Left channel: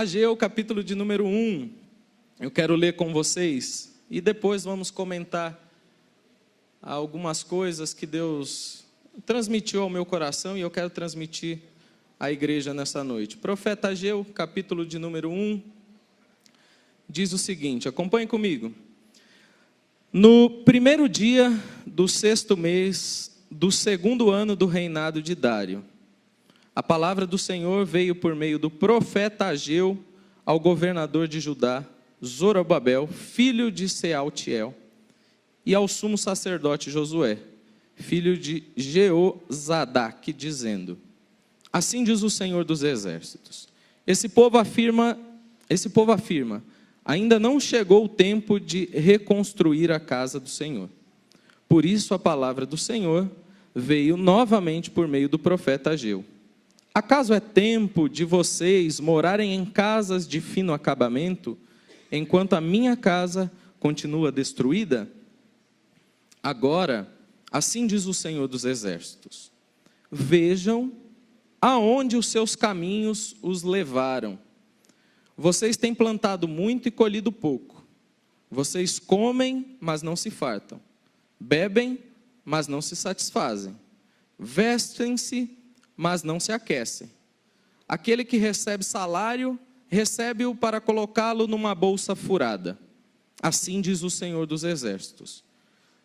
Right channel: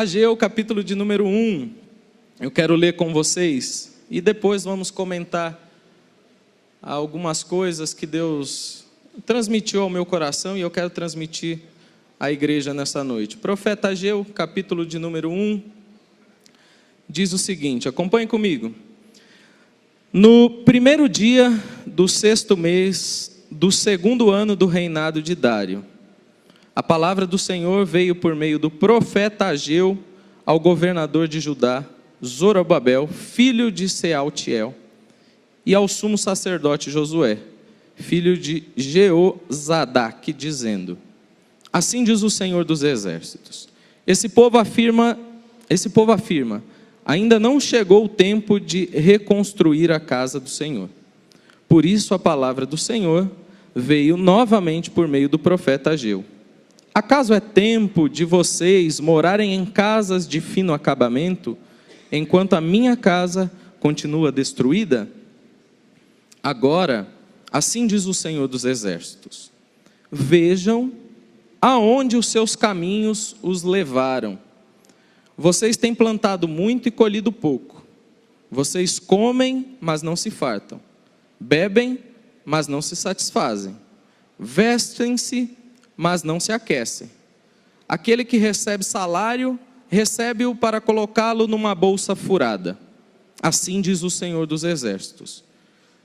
Ageu, capítulo de número 1, eu quero ler com vocês e depois vamos comentar algumas coisas que Deus transmitiu ao meu coração e eu quero transmitir à igreja nessa noite. Profeta Ageu, capítulo de número 1, diz o seguinte, acompanhe comigo. No primeiro dia do 6º mês do 2º ano do reinado de Dário, a palavra do Senhor veio por meio do profeta Ageu ao governador de Judá, Zorobabel, filho de Sealtiel, e ao sumo sacerdote Josué, filho de Jeozadaque, dizendo: assim diz o Senhor dos exércitos, esse povo afirma, ainda não chegou o tempo de reconstruir a casa do Senhor. Por isso a palavra do Senhor veio novamente por meio do profeta Ageu. Acaso é tempo de vocês morarem em casas de fino acabamento, enquanto a minha casa continua destruída? Agora, assim diz o Senhor dos exércitos, vejam aonde os seus caminhos os levaram. Vocês têm plantado muito e colhido pouco. Vocês comem, mas não se fartam. Bebem, mas não se satisfazem. Vestem-se, mas não se aquecem. Aquele que recebe salário, recebe-o para colocá-lo numa bolsa furada. Assim diz o Senhor dos exércitos.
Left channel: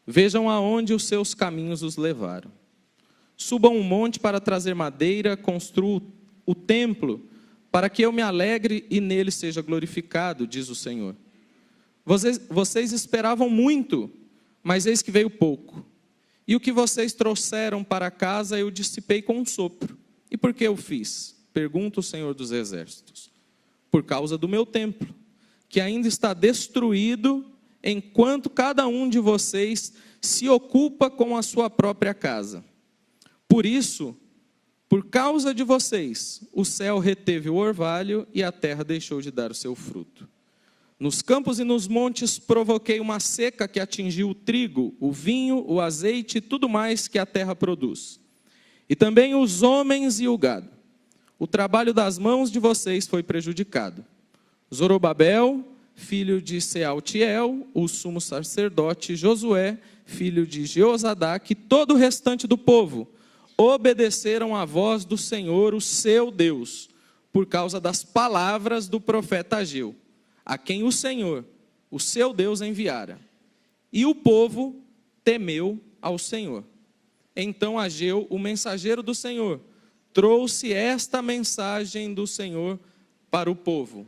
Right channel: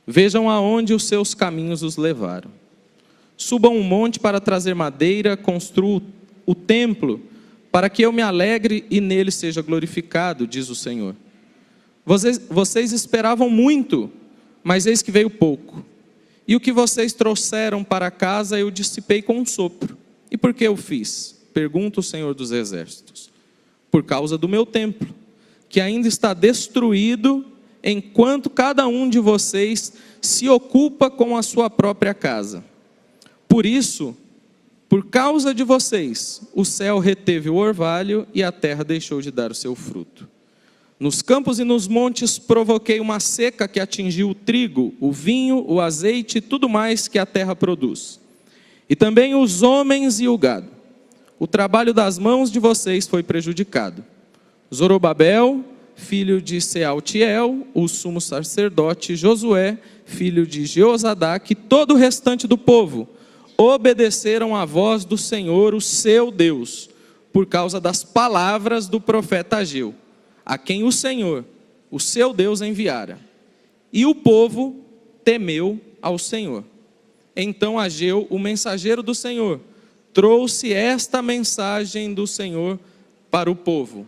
Vejam aonde os seus caminhos os levaram. Subam um monte para trazer madeira, construam o templo, para que eu me alegre e nele seja glorificado, diz o Senhor. Vocês esperavam muito, mas eis que veio pouco. E o que vocês trouxeram para casa eu dissipei com um sopro. E por que eu fiz? Pergunta o Senhor dos exércitos. Por causa do meu templo, que ainda está destruído, enquanto cada um de vocês se ocupa com a sua própria casa. Por isso, por causa de vocês, o céu reteve o orvalho e a terra deixou de dar o seu fruto. Nos campos e nos montes provoquei uma seca que atingiu o trigo, o vinho, o azeite e tudo mais que a terra produz. E também os homens e o gado. O trabalho das mãos de vocês foi prejudicado. Zorobabel, filho de Sealtiel, o sumo sacerdote Josué, filho de Jeozadaque, e todo o restante do povo, obedeceram à voz do Senhor, o seu Deus, por causa das palavras do profeta Ageu, a quem o Senhor, o seu Deus, enviara. E o povo temeu ao Senhor. Então Ageu, o mensageiro do Senhor, trouxe esta mensagem do Senhor para o povo.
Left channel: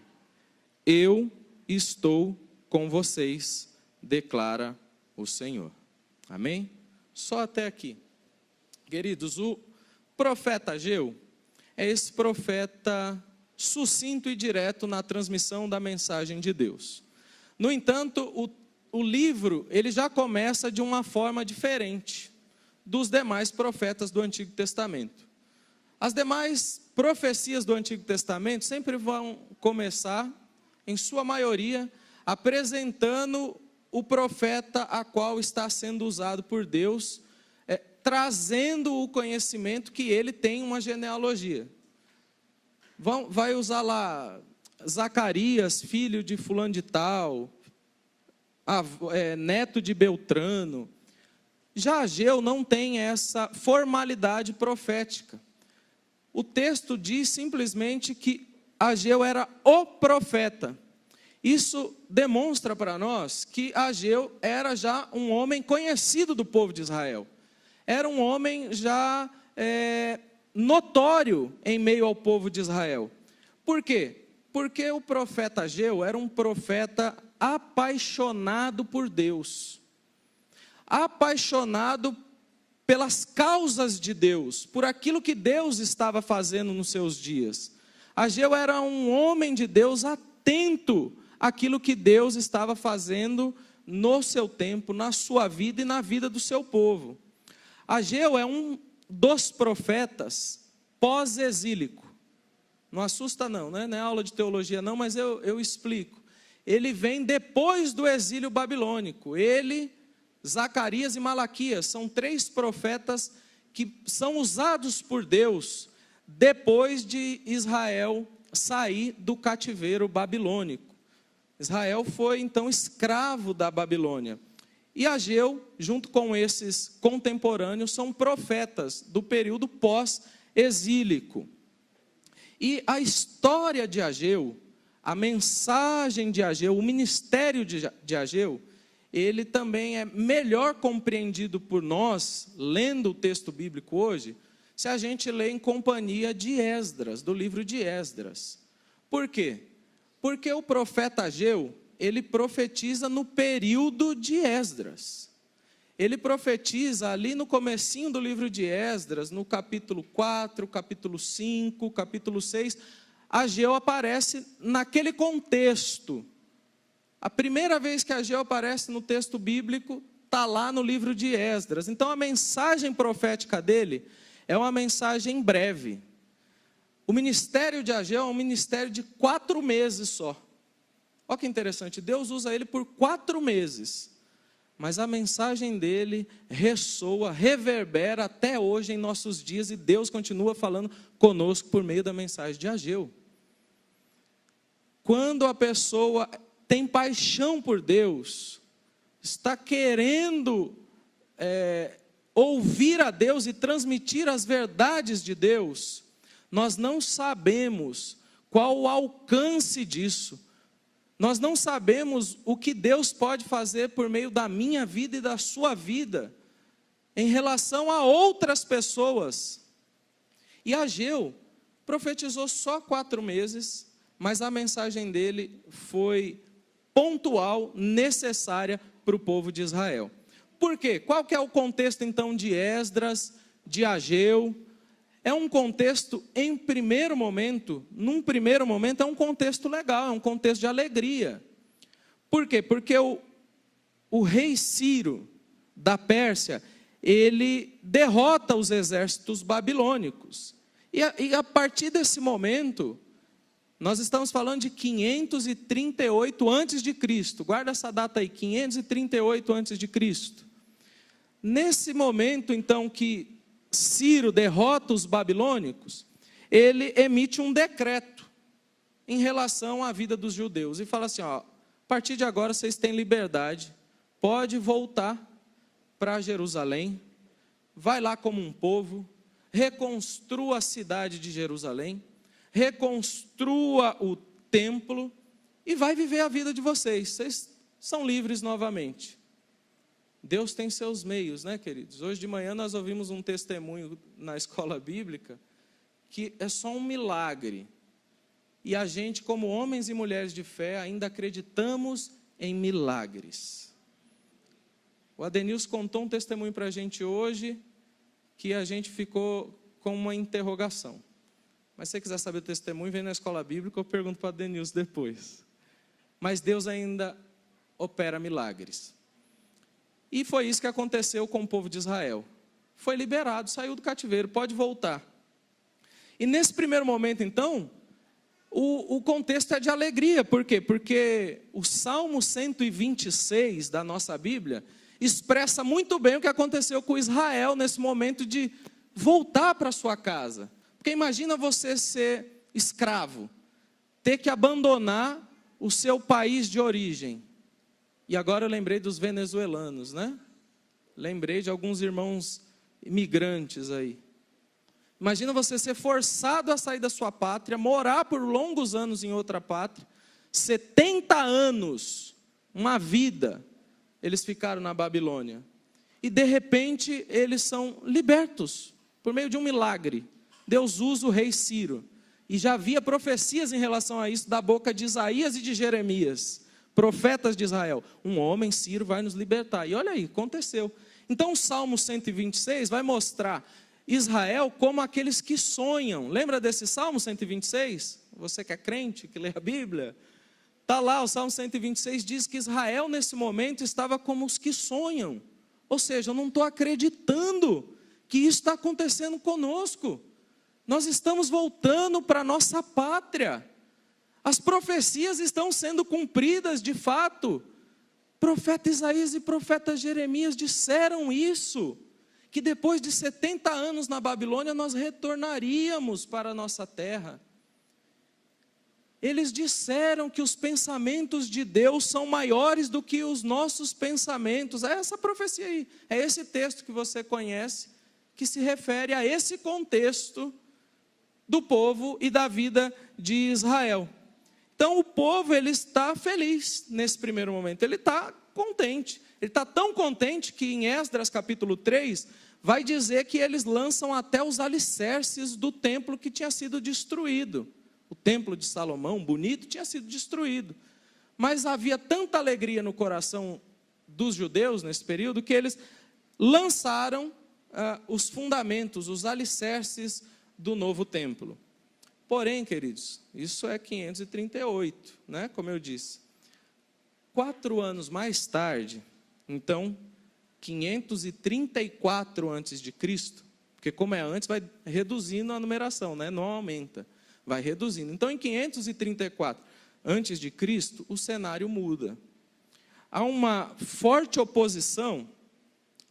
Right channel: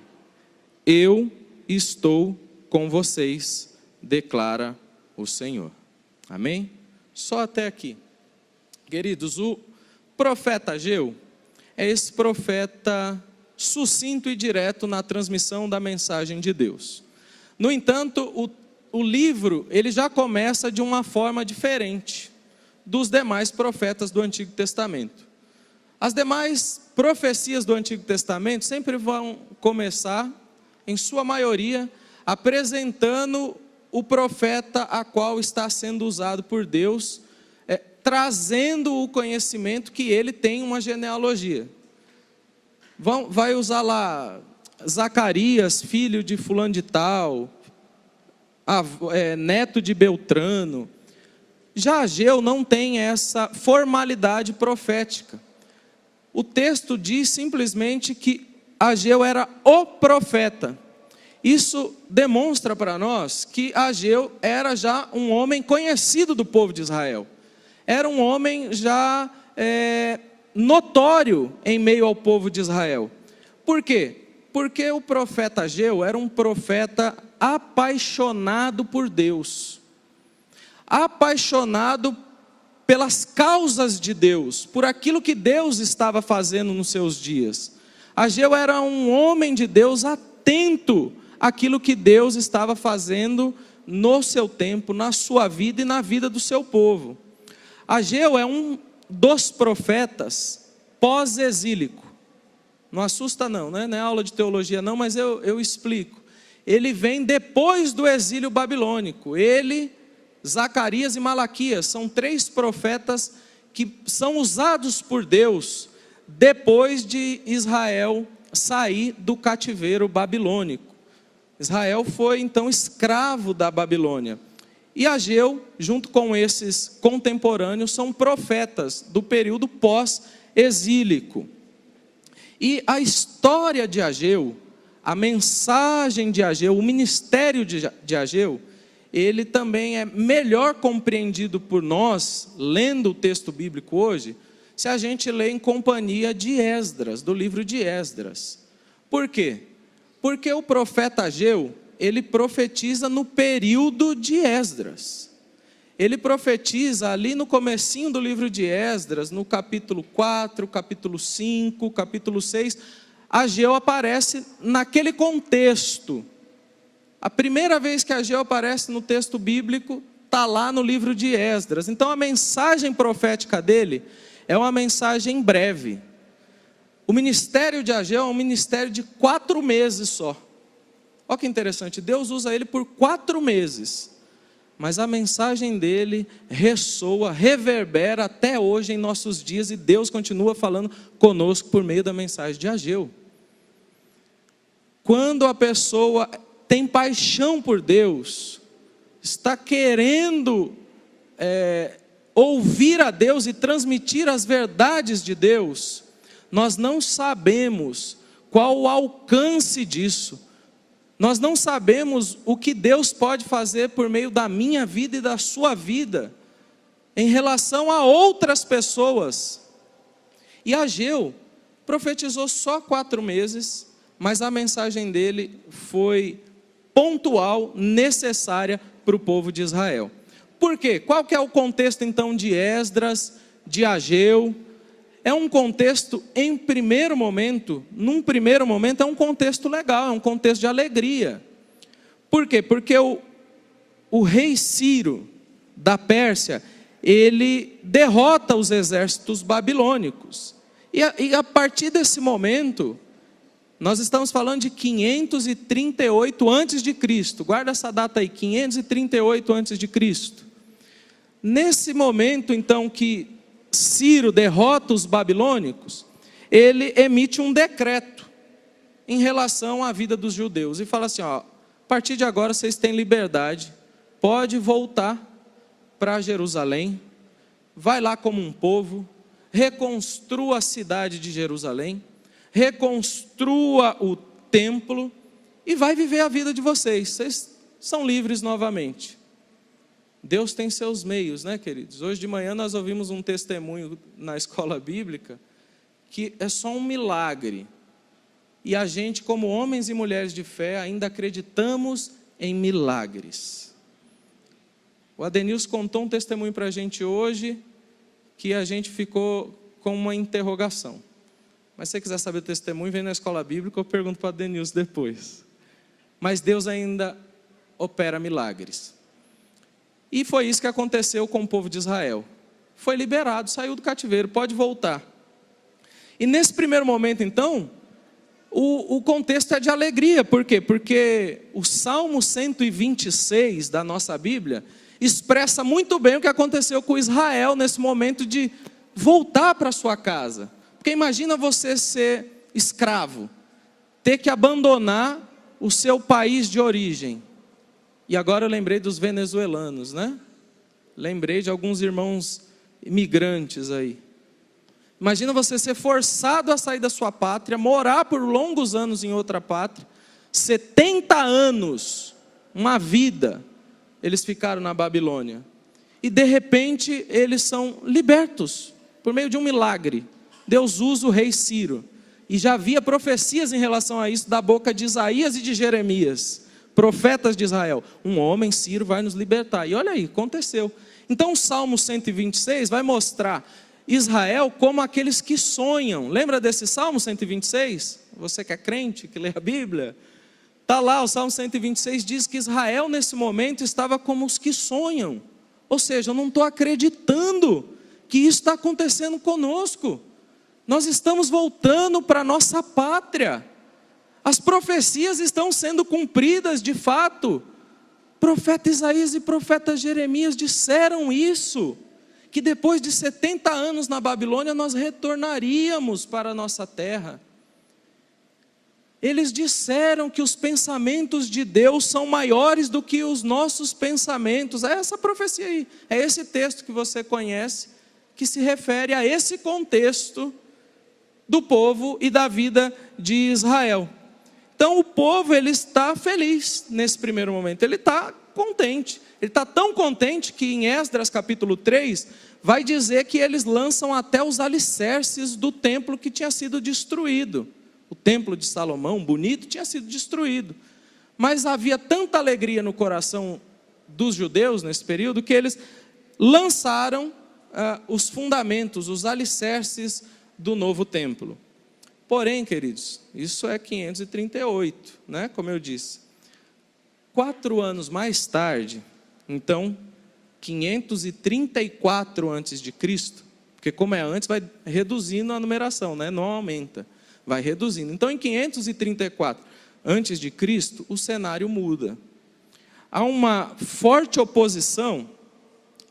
Eu estou com vocês, declara o Senhor. Amém? Só até aqui. Queridos, o profeta Ageu é esse profeta sucinto e direto na transmissão da mensagem de Deus. No entanto, o livro ele já começa de uma forma diferente dos demais profetas do Antigo Testamento. As demais profecias do Antigo Testamento sempre vão começar, em sua maioria, apresentando o profeta a qual está sendo usado por Deus, trazendo o conhecimento que ele tem uma genealogia. Vai usar lá Zacarias, filho de fulano de tal, neto de Beltrano. Já Ageu não tem essa formalidade profética. O texto diz simplesmente que Ageu era o profeta. Isso demonstra para nós que Ageu era já um homem conhecido do povo de Israel. Era um homem já notório em meio ao povo de Israel. Por quê? Porque o profeta Ageu era um profeta apaixonado por Deus. Apaixonado pelas causas de Deus, por aquilo que Deus estava fazendo nos seus dias. Ageu era um homem de Deus atento àquilo que Deus estava fazendo no seu tempo, na sua vida e na vida do seu povo. Ageu é um dos profetas pós-exílico. Não assusta não, né? Não é aula de teologia não, mas eu explico. Ele vem depois do exílio babilônico. Ele, Zacarias e Malaquias são 3 profetas que são usados por Deus depois de Israel sair do cativeiro babilônico. Israel foi então escravo da Babilônia. E Ageu, junto com esses contemporâneos, são profetas do período pós-exílico. E a história de Ageu, a mensagem de Ageu, o ministério de Ageu, ele também é melhor compreendido por nós, lendo o texto bíblico hoje, se a gente lê em companhia de Esdras, do livro de Esdras. Por quê? Porque o profeta Ageu, ele profetiza no período de Esdras. Ele profetiza ali no comecinho do livro de Esdras, no capítulo 4, capítulo 5, capítulo 6, Ageu aparece naquele contexto. A primeira vez que Ageu aparece no texto bíblico, está lá no livro de Esdras. Então a mensagem profética dele é uma mensagem breve. O ministério de Ageu é um ministério de 4 meses só. Olha que interessante, Deus usa ele por 4 meses. Mas a mensagem dele ressoa, reverbera até hoje em nossos dias, e Deus continua falando conosco por meio da mensagem de Ageu. Quando a pessoa tem paixão por Deus, está querendo ouvir a Deus e transmitir as verdades de Deus, nós não sabemos qual o alcance disso. Nós não sabemos o que Deus pode fazer por meio da minha vida e da sua vida, em relação a outras pessoas. E Ageu profetizou só 4 meses, mas a mensagem dele foi pontual, necessária para o povo de Israel. Por quê? Qual que é o contexto então de Esdras, de Ageu? É um contexto, num primeiro momento, é um contexto legal, é um contexto de alegria. Por quê? Porque o rei Ciro, da Pérsia, ele derrota os exércitos babilônicos. E a partir desse momento, nós estamos falando de 538 a.C., guarda essa data aí, 538 a.C. Nesse momento, então, que Ciro derrota os babilônicos, ele emite um decreto em relação à vida dos judeus, e fala assim, ó, a partir de agora vocês têm liberdade, pode voltar para Jerusalém, vai lá como um povo, reconstrua a cidade de Jerusalém, reconstrua o templo, e vai viver a vida de vocês são livres novamente. Deus tem seus meios, né, queridos? Hoje de manhã nós ouvimos um testemunho na escola bíblica, que é só um milagre. E a gente, como homens e mulheres de fé, ainda acreditamos em milagres. O Adenilson contou um testemunho para a gente hoje, que a gente ficou com uma interrogação. Mas se você quiser saber o testemunho, vem na escola bíblica, eu pergunto para o Adenilson depois. Mas Deus ainda opera milagres. E foi isso que aconteceu com o povo de Israel. Foi liberado, saiu do cativeiro, pode voltar. E nesse primeiro momento, então, o contexto é de alegria. Por quê? Porque o Salmo 126 da nossa Bíblia expressa muito bem o que aconteceu com Israel nesse momento de voltar para sua casa. Porque imagina você ser escravo, ter que abandonar o seu país de origem. E agora eu lembrei dos venezuelanos, né? Lembrei de alguns irmãos imigrantes aí. Imagina você ser forçado a sair da sua pátria, morar por longos anos em outra pátria, 70 anos, uma vida, eles ficaram na Babilônia. E de repente eles são libertos, por meio de um milagre. Deus usa o rei Ciro. E já havia profecias em relação a isso da boca de Isaías e de Jeremias, profetas de Israel. Um homem, Ciro, vai nos libertar. E olha aí, aconteceu. Então o Salmo 126 vai mostrar Israel como aqueles que sonham. Lembra desse Salmo 126? Você que é crente, que lê a Bíblia, está lá, o Salmo 126 diz que Israel nesse momento estava como os que sonham. Ou seja, eu não estou acreditando que isso está acontecendo conosco. Nós estamos voltando para a nossa pátria. As profecias estão sendo cumpridas de fato. Profeta Isaías e profeta Jeremias disseram isso, que depois de 70 anos na Babilônia nós retornaríamos para a nossa terra. eles disseram que os pensamentos de Deus são maiores do que os nossos pensamentos. É essa profecia aí, é esse texto que você conhece, que se refere a esse contexto do povo e da vida de Israel. Então o povo, ele está feliz nesse primeiro momento, ele está contente. Ele está tão contente que em Esdras capítulo 3, vai dizer que eles lançam até os alicerces do templo que tinha sido destruído. O templo de Salomão, bonito, tinha sido destruído. Mas havia tanta alegria no coração dos judeus nesse período, que eles lançaram os fundamentos, os alicerces do novo templo. Porém, queridos, isso é 538, né? Como eu disse. 4 anos mais tarde, então, 534 antes de Cristo, porque como é antes, vai reduzindo a numeração, né? Não aumenta, vai reduzindo. Então, em 534 antes de Cristo, o cenário muda. Há uma forte oposição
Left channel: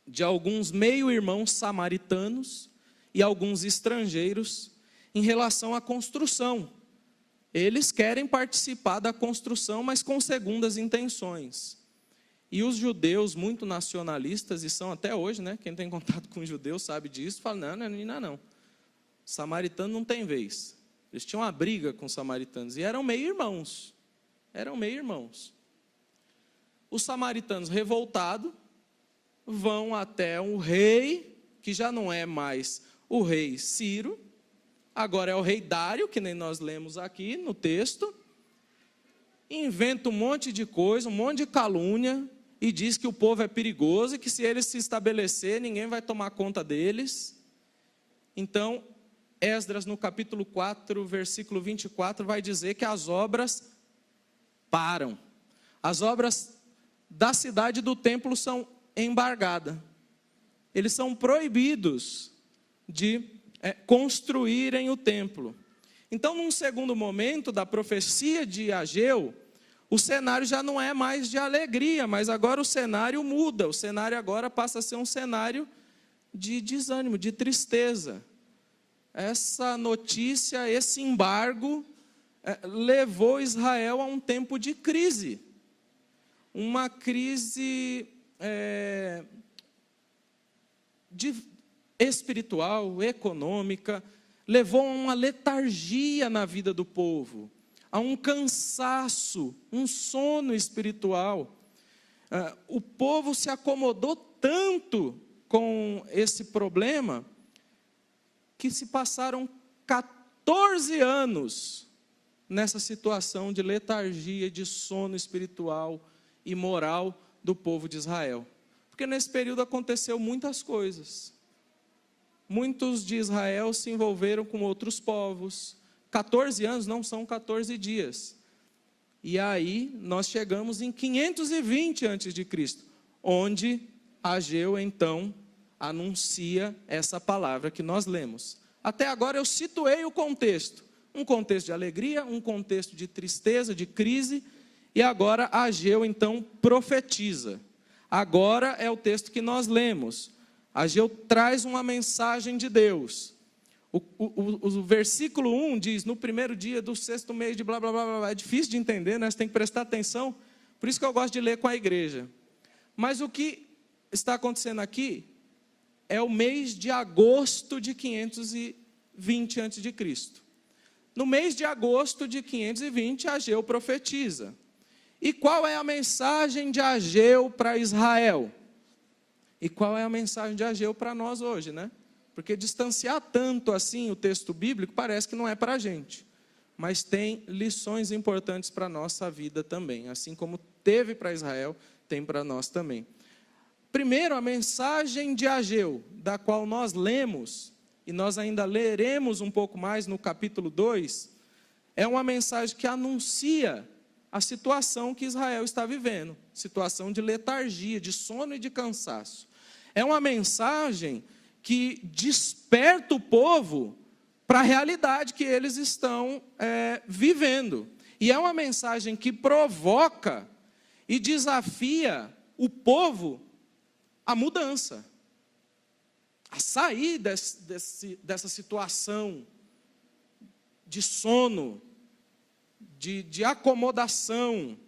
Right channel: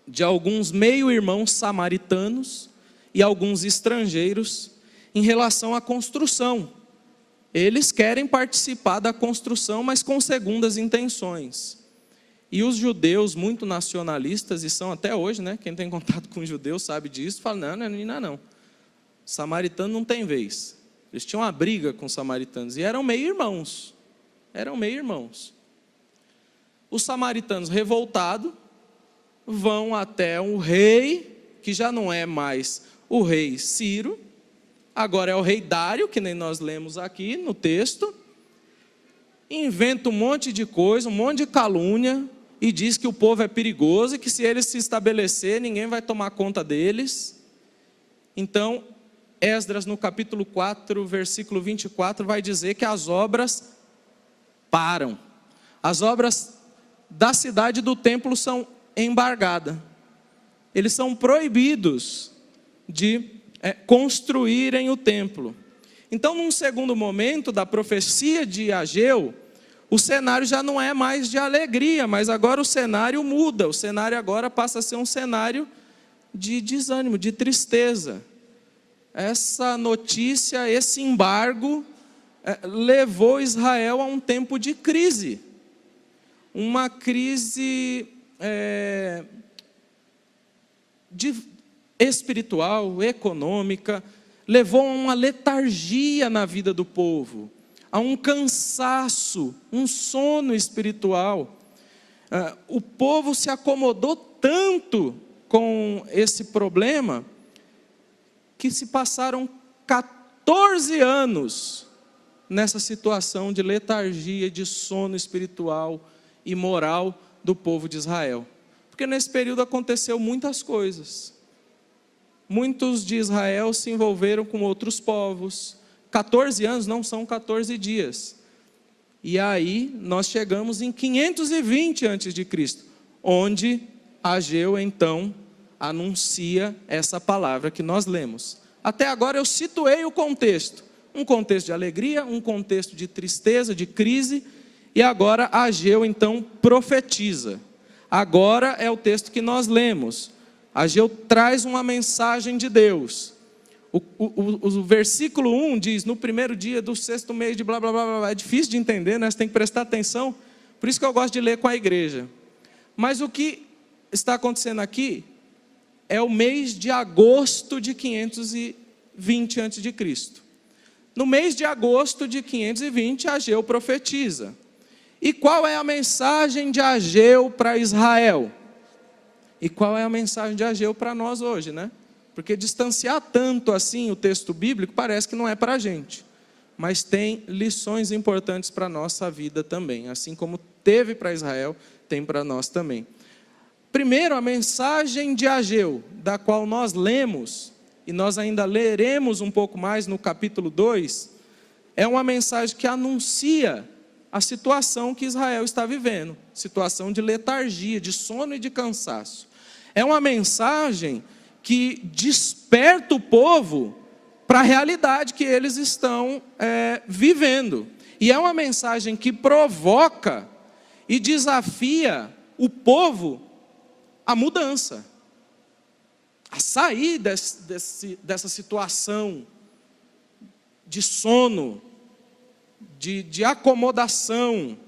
de alguns meio-irmãos samaritanos e alguns estrangeiros em relação à construção. Eles querem participar da construção, mas com segundas intenções. E os judeus, muito nacionalistas, e são até hoje, né? Quem tem contato com judeus sabe disso, fala, não. Samaritano não tem vez. Eles tinham uma briga com os samaritanos, e eram meio-irmãos. Os samaritanos, revoltados, vão até um rei, que já não é mais o rei Ciro, agora é o rei Dário, que nem nós lemos aqui no texto, inventa um monte de coisa, um monte de calúnia, e diz que o povo é perigoso, e que se eles se estabelecer, ninguém vai tomar conta deles. Então, Esdras no capítulo 4, versículo 24, vai dizer que as obras param. As obras da cidade e do templo são embargadas. Eles são proibidos de construírem o templo. Então, num segundo momento da profecia de Ageu, o cenário já não é mais de alegria, mas agora o cenário muda. O cenário agora passa a ser um cenário de desânimo, de tristeza. Essa notícia, esse embargo, levou Israel a um tempo de crise. Uma crise espiritual, econômica, levou a uma letargia na vida do povo, a um cansaço, um sono espiritual. O povo se acomodou tanto com esse problema, que se passaram 14 anos nessa situação de letargia, de sono espiritual e moral do povo de Israel. Porque nesse período aconteceu muitas coisas. Muitos de Israel se envolveram com outros povos. 14 anos não são 14 dias. E aí nós chegamos em 520 a.C., onde Ageu então anuncia essa palavra que nós lemos. Até agora eu situei o contexto. Um contexto de alegria, um contexto de tristeza, de crise. E agora Ageu então profetiza. Agora é o texto que nós lemos. Ageu traz uma mensagem de Deus. O versículo 1 diz, no primeiro dia do 6º mês de blá, blá, blá, blá. É difícil de entender, né? Você tem que prestar atenção. Por isso que eu gosto de ler com a igreja. Mas o que está acontecendo aqui é o mês de agosto de 520 a.C. No mês de agosto de 520, Ageu profetiza. E qual é a mensagem de Ageu para Israel? E qual é a mensagem de Ageu para nós hoje, né? Porque distanciar tanto assim o texto bíblico parece que não é para a gente. Mas tem lições importantes para a nossa vida também. Assim como teve para Israel, tem para nós também. Primeiro, a mensagem de Ageu, da qual nós lemos, e nós ainda leremos um pouco mais no capítulo 2, é uma mensagem que anuncia a situação que Israel está vivendo. Situação de letargia, de sono e de cansaço. É uma mensagem que desperta o povo para a realidade que eles estão vivendo. E é uma mensagem que provoca e desafia o povo à mudança, a sair dessa situação de sono, de acomodação.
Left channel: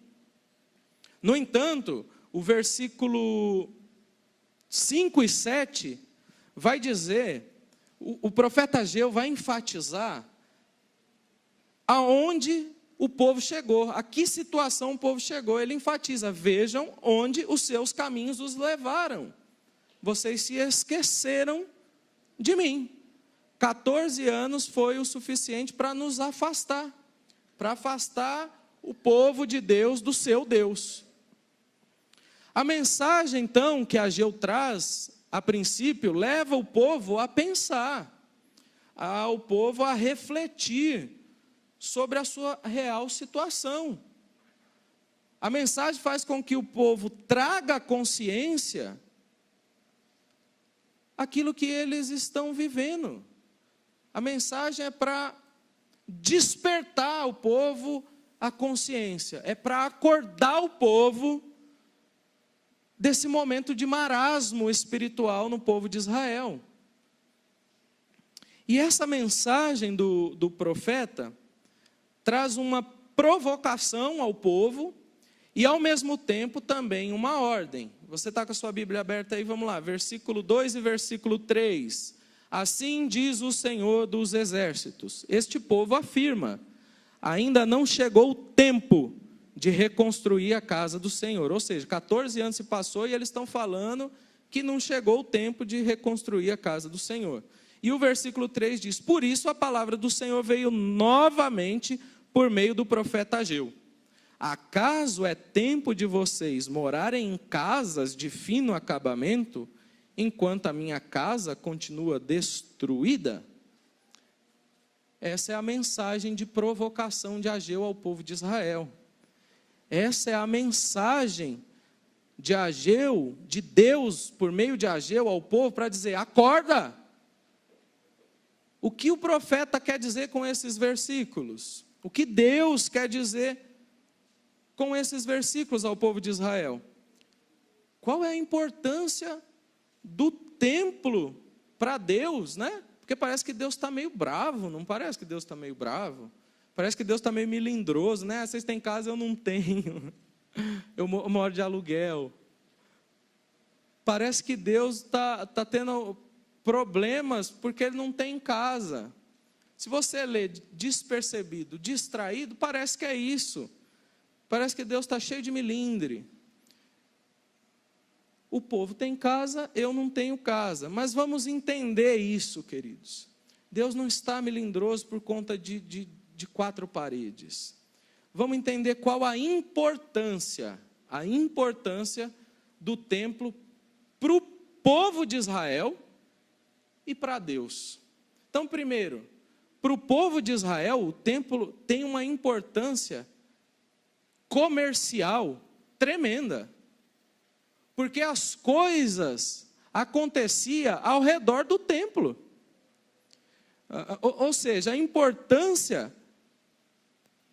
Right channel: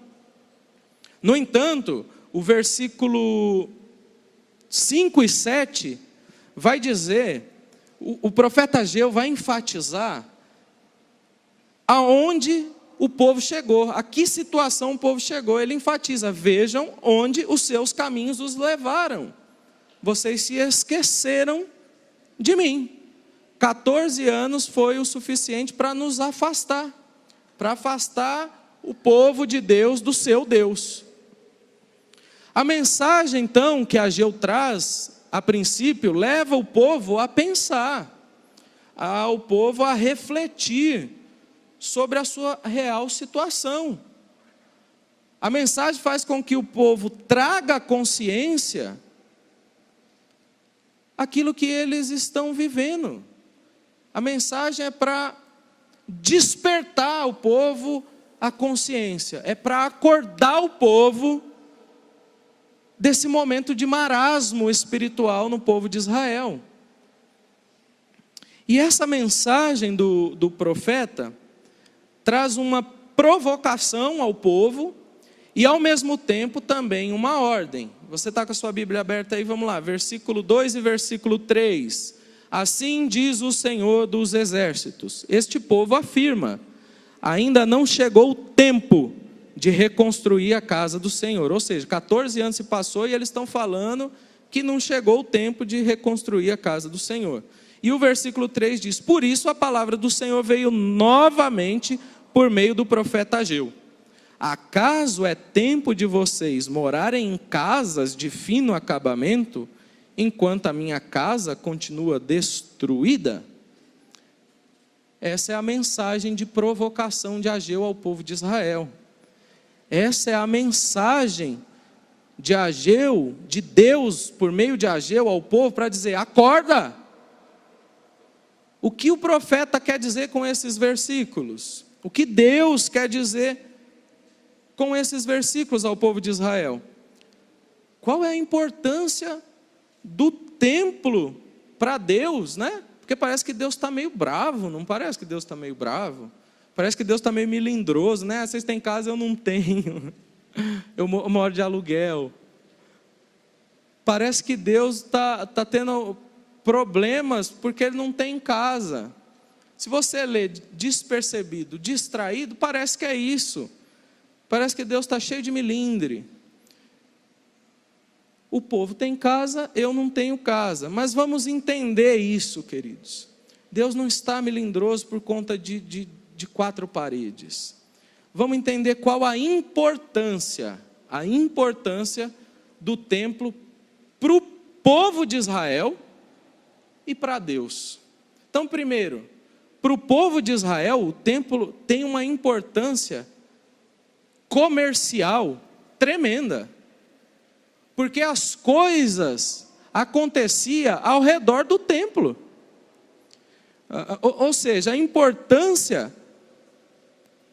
No entanto, o versículo 5 e 7 vai dizer, o profeta Ageu vai enfatizar aonde o povo chegou, a que situação o povo chegou. Ele enfatiza: vejam onde os seus caminhos os levaram. Vocês se esqueceram de mim. 14 anos foi o suficiente para nos afastar, para afastar o povo de Deus do seu Deus. A mensagem, então, que Ageu traz, a princípio, leva o povo a pensar, ao povo a refletir sobre a sua real situação. A mensagem faz com que o povo traga à consciência aquilo que eles estão vivendo. A mensagem é para despertar o povo à consciência, é para acordar o povo desse momento de marasmo espiritual no povo de Israel. E essa mensagem do profeta traz uma provocação ao povo e, ao mesmo tempo, também uma ordem. Você está com a sua Bíblia aberta aí? Vamos lá, versículo 2 e versículo 3. Assim diz o Senhor dos Exércitos: este povo afirma, ainda não chegou o tempo de reconstruir a casa do Senhor. Ou seja, 14 anos se passou e eles estão falando que não chegou o tempo de reconstruir a casa do Senhor. E o versículo 3 diz: por isso a palavra do Senhor veio novamente por meio do profeta Ageu. Acaso é tempo de vocês morarem em casas de fino acabamento, enquanto a minha casa continua destruída? Essa é a mensagem de provocação de Ageu ao povo de Israel. Essa é a mensagem de Ageu, de Deus, por meio de Ageu ao povo, para dizer: acorda! O que o profeta quer dizer com esses versículos? O que Deus quer dizer com esses versículos ao povo de Israel? Qual é a importância do templo para Deus, né? Porque parece que Deus está meio bravo, não parece que Deus está meio bravo? Parece que Deus está meio melindroso, né? Vocês têm casa, eu não tenho. Eu moro de aluguel. Parece que Deus está tendo problemas porque Ele não tem casa. Se você lê despercebido, distraído, parece que é isso. Parece que Deus está cheio de melindre. O povo tem casa, eu não tenho casa. Mas vamos entender isso, queridos. Deus não está melindroso por conta de 4 paredes. Vamos entender qual a importância do templo para o povo de Israel e para Deus. Então, primeiro, para o povo de Israel, o templo tem uma importância comercial tremenda, porque as coisas aconteciam ao redor do templo. Ou seja, a importância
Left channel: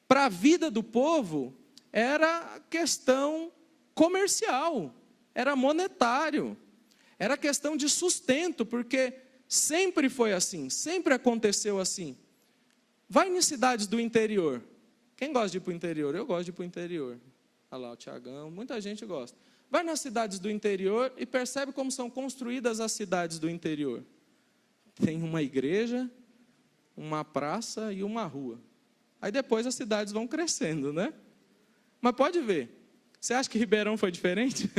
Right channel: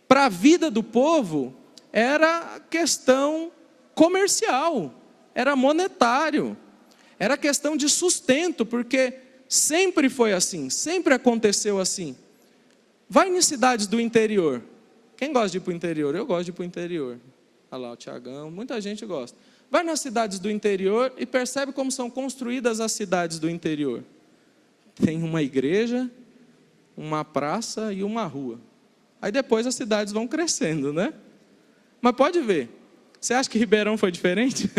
para a vida do povo era questão comercial, era monetário, era questão de sustento, porque sempre foi assim, sempre aconteceu assim. Vai em cidades do interior. Quem gosta de ir para o interior? Eu gosto de ir para o interior. Olha lá o Tiagão, muita gente gosta. Vai nas cidades do interior e percebe como são construídas as cidades do interior. Tem uma igreja, uma praça e uma rua. Aí depois as cidades vão crescendo, né? Mas pode ver. Você acha que Ribeirão foi diferente?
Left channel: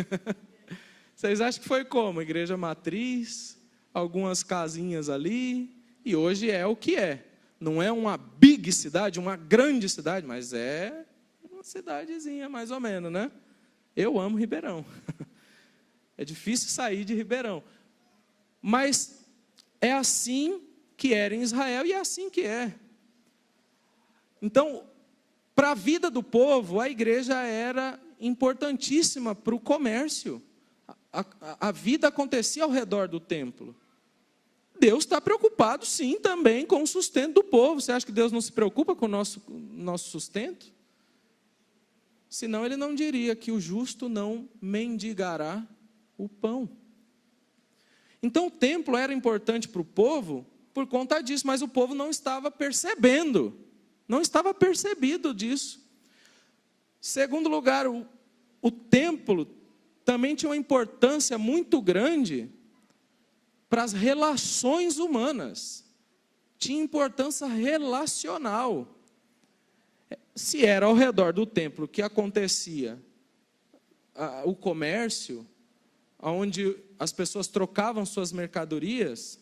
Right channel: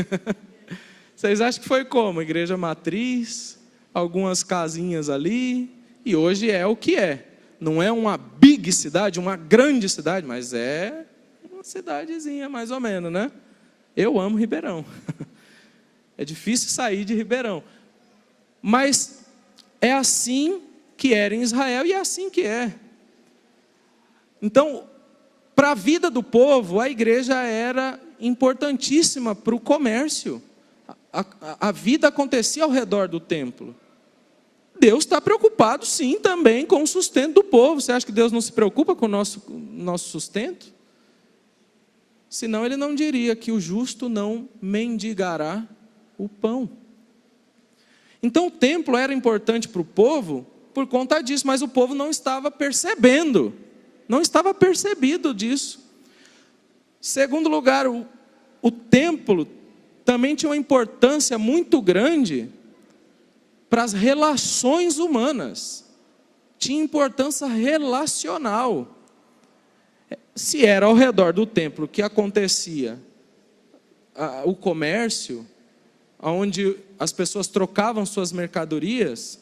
Vocês acham que foi como? Igreja matriz, algumas casinhas ali, e hoje é o que é. Não é uma big cidade, uma grande cidade, mas é uma cidadezinha mais ou menos, né? Eu amo Ribeirão. É difícil sair de Ribeirão. Mas é assim que era em Israel e é assim que é. Então, para a vida do povo, a igreja era importantíssima para o comércio. A vida acontecia ao redor do templo. Deus está preocupado, sim, também com o sustento do povo. Você acha que Deus não se preocupa com o nosso sustento? Senão Ele não diria que o justo não mendigará o pão. Então o templo era importante para o povo por conta disso, mas o povo não estava percebendo não estava percebido disso. Segundo lugar, o templo também tinha uma importância muito grande para as relações humanas. Tinha importância relacional. Se era ao redor do templo que acontecia o comércio, onde as pessoas trocavam suas mercadorias,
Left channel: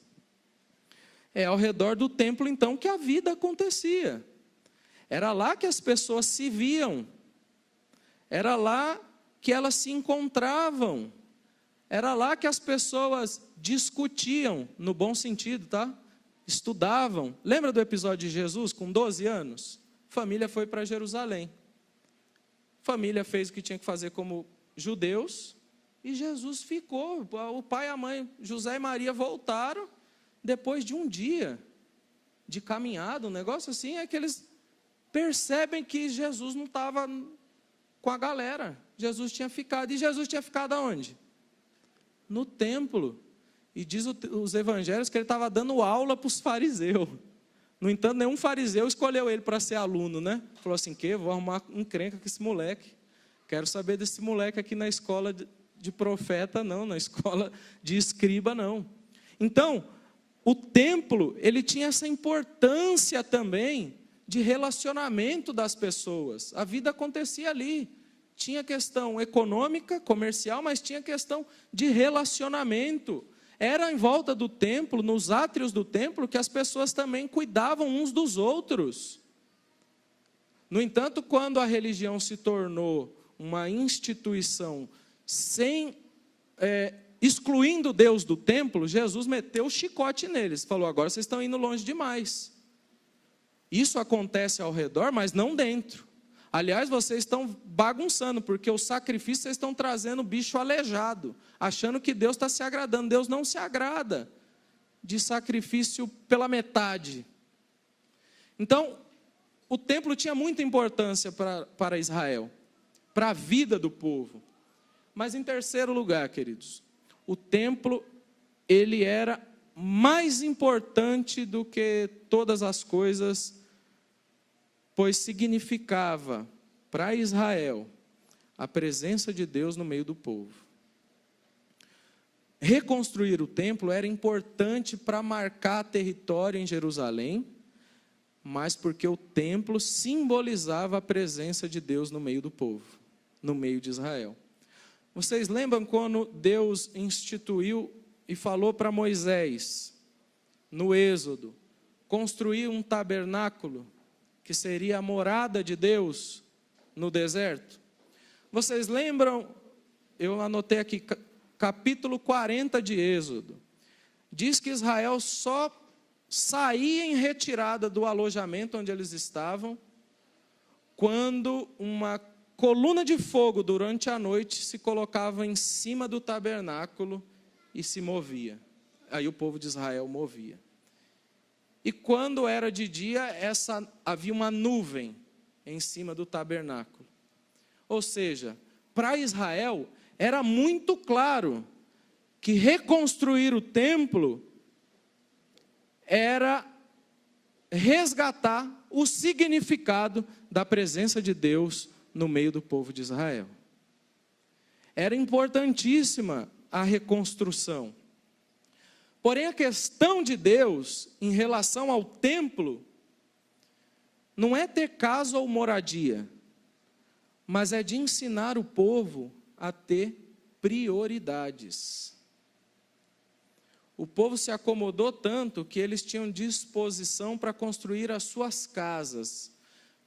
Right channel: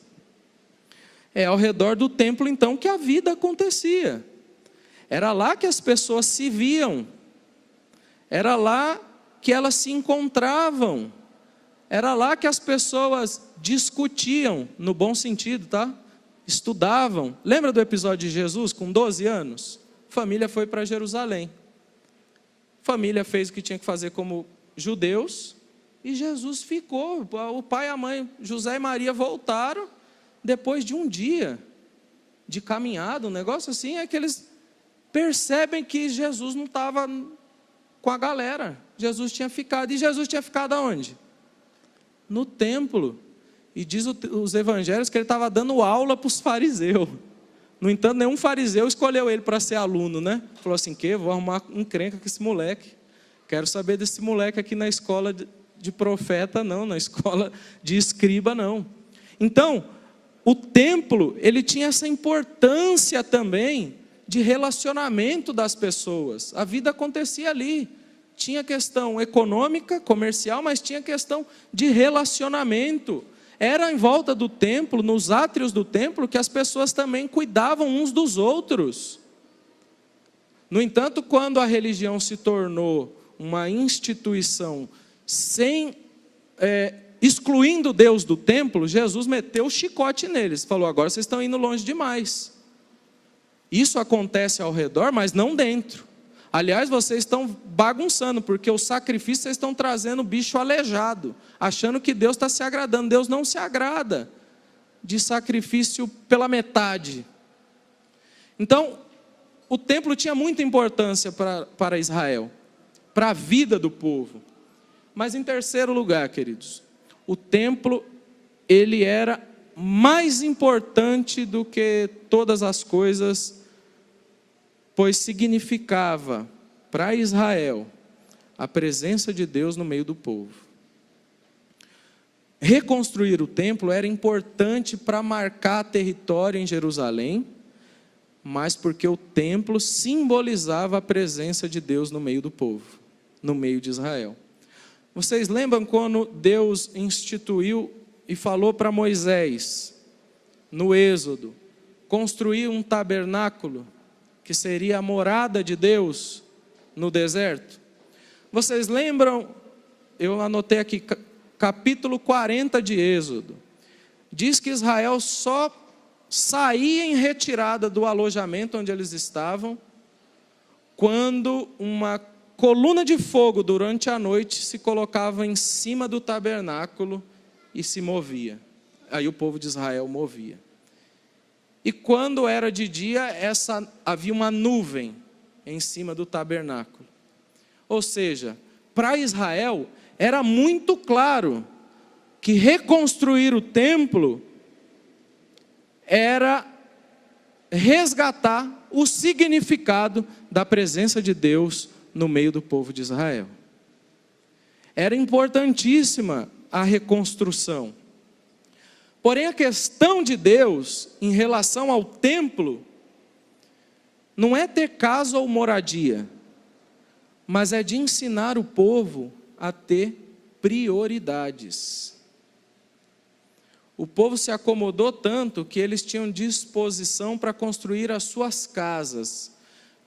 é ao redor do templo então que a vida acontecia. Era lá que as pessoas se viam, era lá que elas se encontravam, era lá que as pessoas discutiam, no bom sentido, tá? Estudavam. Lembra do episódio de Jesus com 12 anos? Família foi para Jerusalém. Família fez o que tinha que fazer como judeus, e Jesus ficou. O pai e a mãe, José e Maria, voltaram depois de um dia de caminhada, um negócio assim, é que eles percebem que Jesus não estava com a galera. Jesus tinha ficado. E Jesus tinha ficado aonde? No templo. E diz os evangelhos que ele estava dando aula para os fariseus. No entanto, nenhum fariseu escolheu ele para ser aluno, né? Falou assim, vou arrumar um encrenca com esse moleque. Quero saber desse moleque aqui na escola de profeta, não. Na escola de escriba, não. Então, o templo, ele tinha essa importância também de relacionamento das pessoas. A vida acontecia ali. Tinha questão econômica, comercial, mas tinha questão de relacionamento. Era em volta do templo, nos átrios do templo, que as pessoas também cuidavam uns dos outros. No entanto, quando a religião se tornou uma instituição excluindo Deus do templo, Jesus meteu o chicote neles. Falou, agora vocês estão indo longe demais. Isso acontece ao redor, mas não dentro. Aliás, vocês estão bagunçando, porque o sacrifício vocês estão trazendo bicho aleijado, achando que Deus está se agradando. Deus não se agrada de sacrifício pela metade. Então, o templo tinha muita importância para Israel, para a vida do povo. Mas em terceiro lugar, queridos, o templo, ele era mais importante do que todas as coisas, pois significava para Israel a presença de Deus no meio do povo. Reconstruir o templo era importante para marcar território em Jerusalém, mas porque o templo simbolizava a presença de Deus no meio do povo, no meio de Israel. Vocês lembram quando Deus instituiu e falou para Moisés, no Êxodo, construir um tabernáculo, que seria a morada de Deus no deserto? Vocês lembram, eu anotei aqui, capítulo 40 de Êxodo, diz que Israel só saía em retirada do alojamento onde eles estavam, quando uma coluna de fogo durante a noite se colocava em cima do tabernáculo e se movia. Aí o povo de Israel movia. E quando era de dia, havia uma nuvem em cima do tabernáculo. Ou seja, para Israel era muito claro que reconstruir o templo era resgatar o significado da presença de Deus no meio do povo de Israel. Era importantíssima a reconstrução. Porém, a questão de Deus em relação ao templo não é ter casa ou moradia, mas é de ensinar o povo a ter prioridades. O povo se acomodou tanto que eles tinham disposição para construir as suas casas,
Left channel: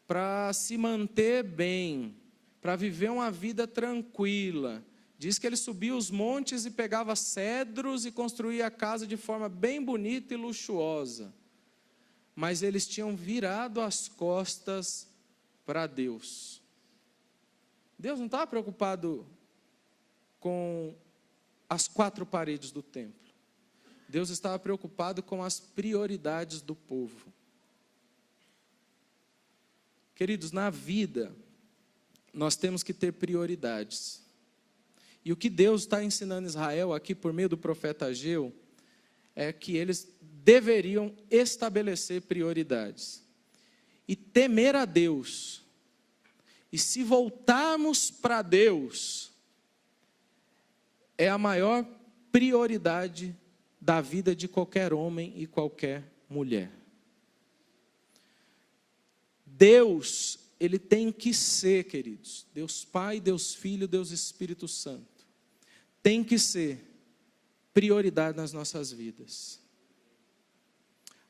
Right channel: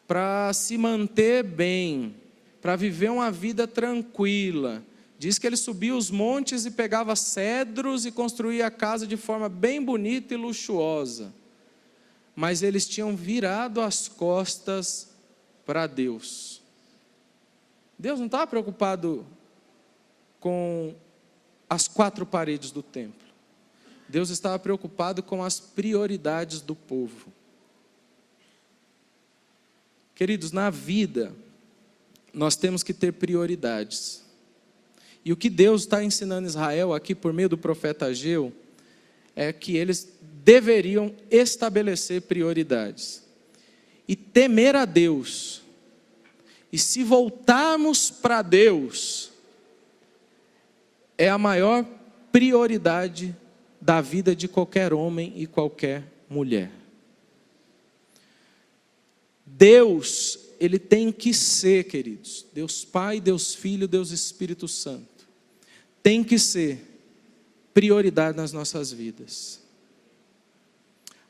para se manter bem, para viver uma vida tranquila. Diz que ele subia os montes e pegava cedros e construía a casa de forma bem bonita e luxuosa. Mas eles tinham virado as costas para Deus. Deus não estava preocupado com as quatro paredes do templo. Deus estava preocupado com as prioridades do povo. Queridos, na vida, nós temos que ter prioridades. E o que Deus está ensinando Israel aqui por meio do profeta Ageu, é que eles deveriam estabelecer prioridades. e temer a Deus, e se voltarmos para Deus, é a maior prioridade da vida de qualquer homem e qualquer mulher. Deus, Ele tem que ser, queridos, Deus Pai, Deus Filho, Deus Espírito Santo, tem que ser prioridade nas nossas vidas.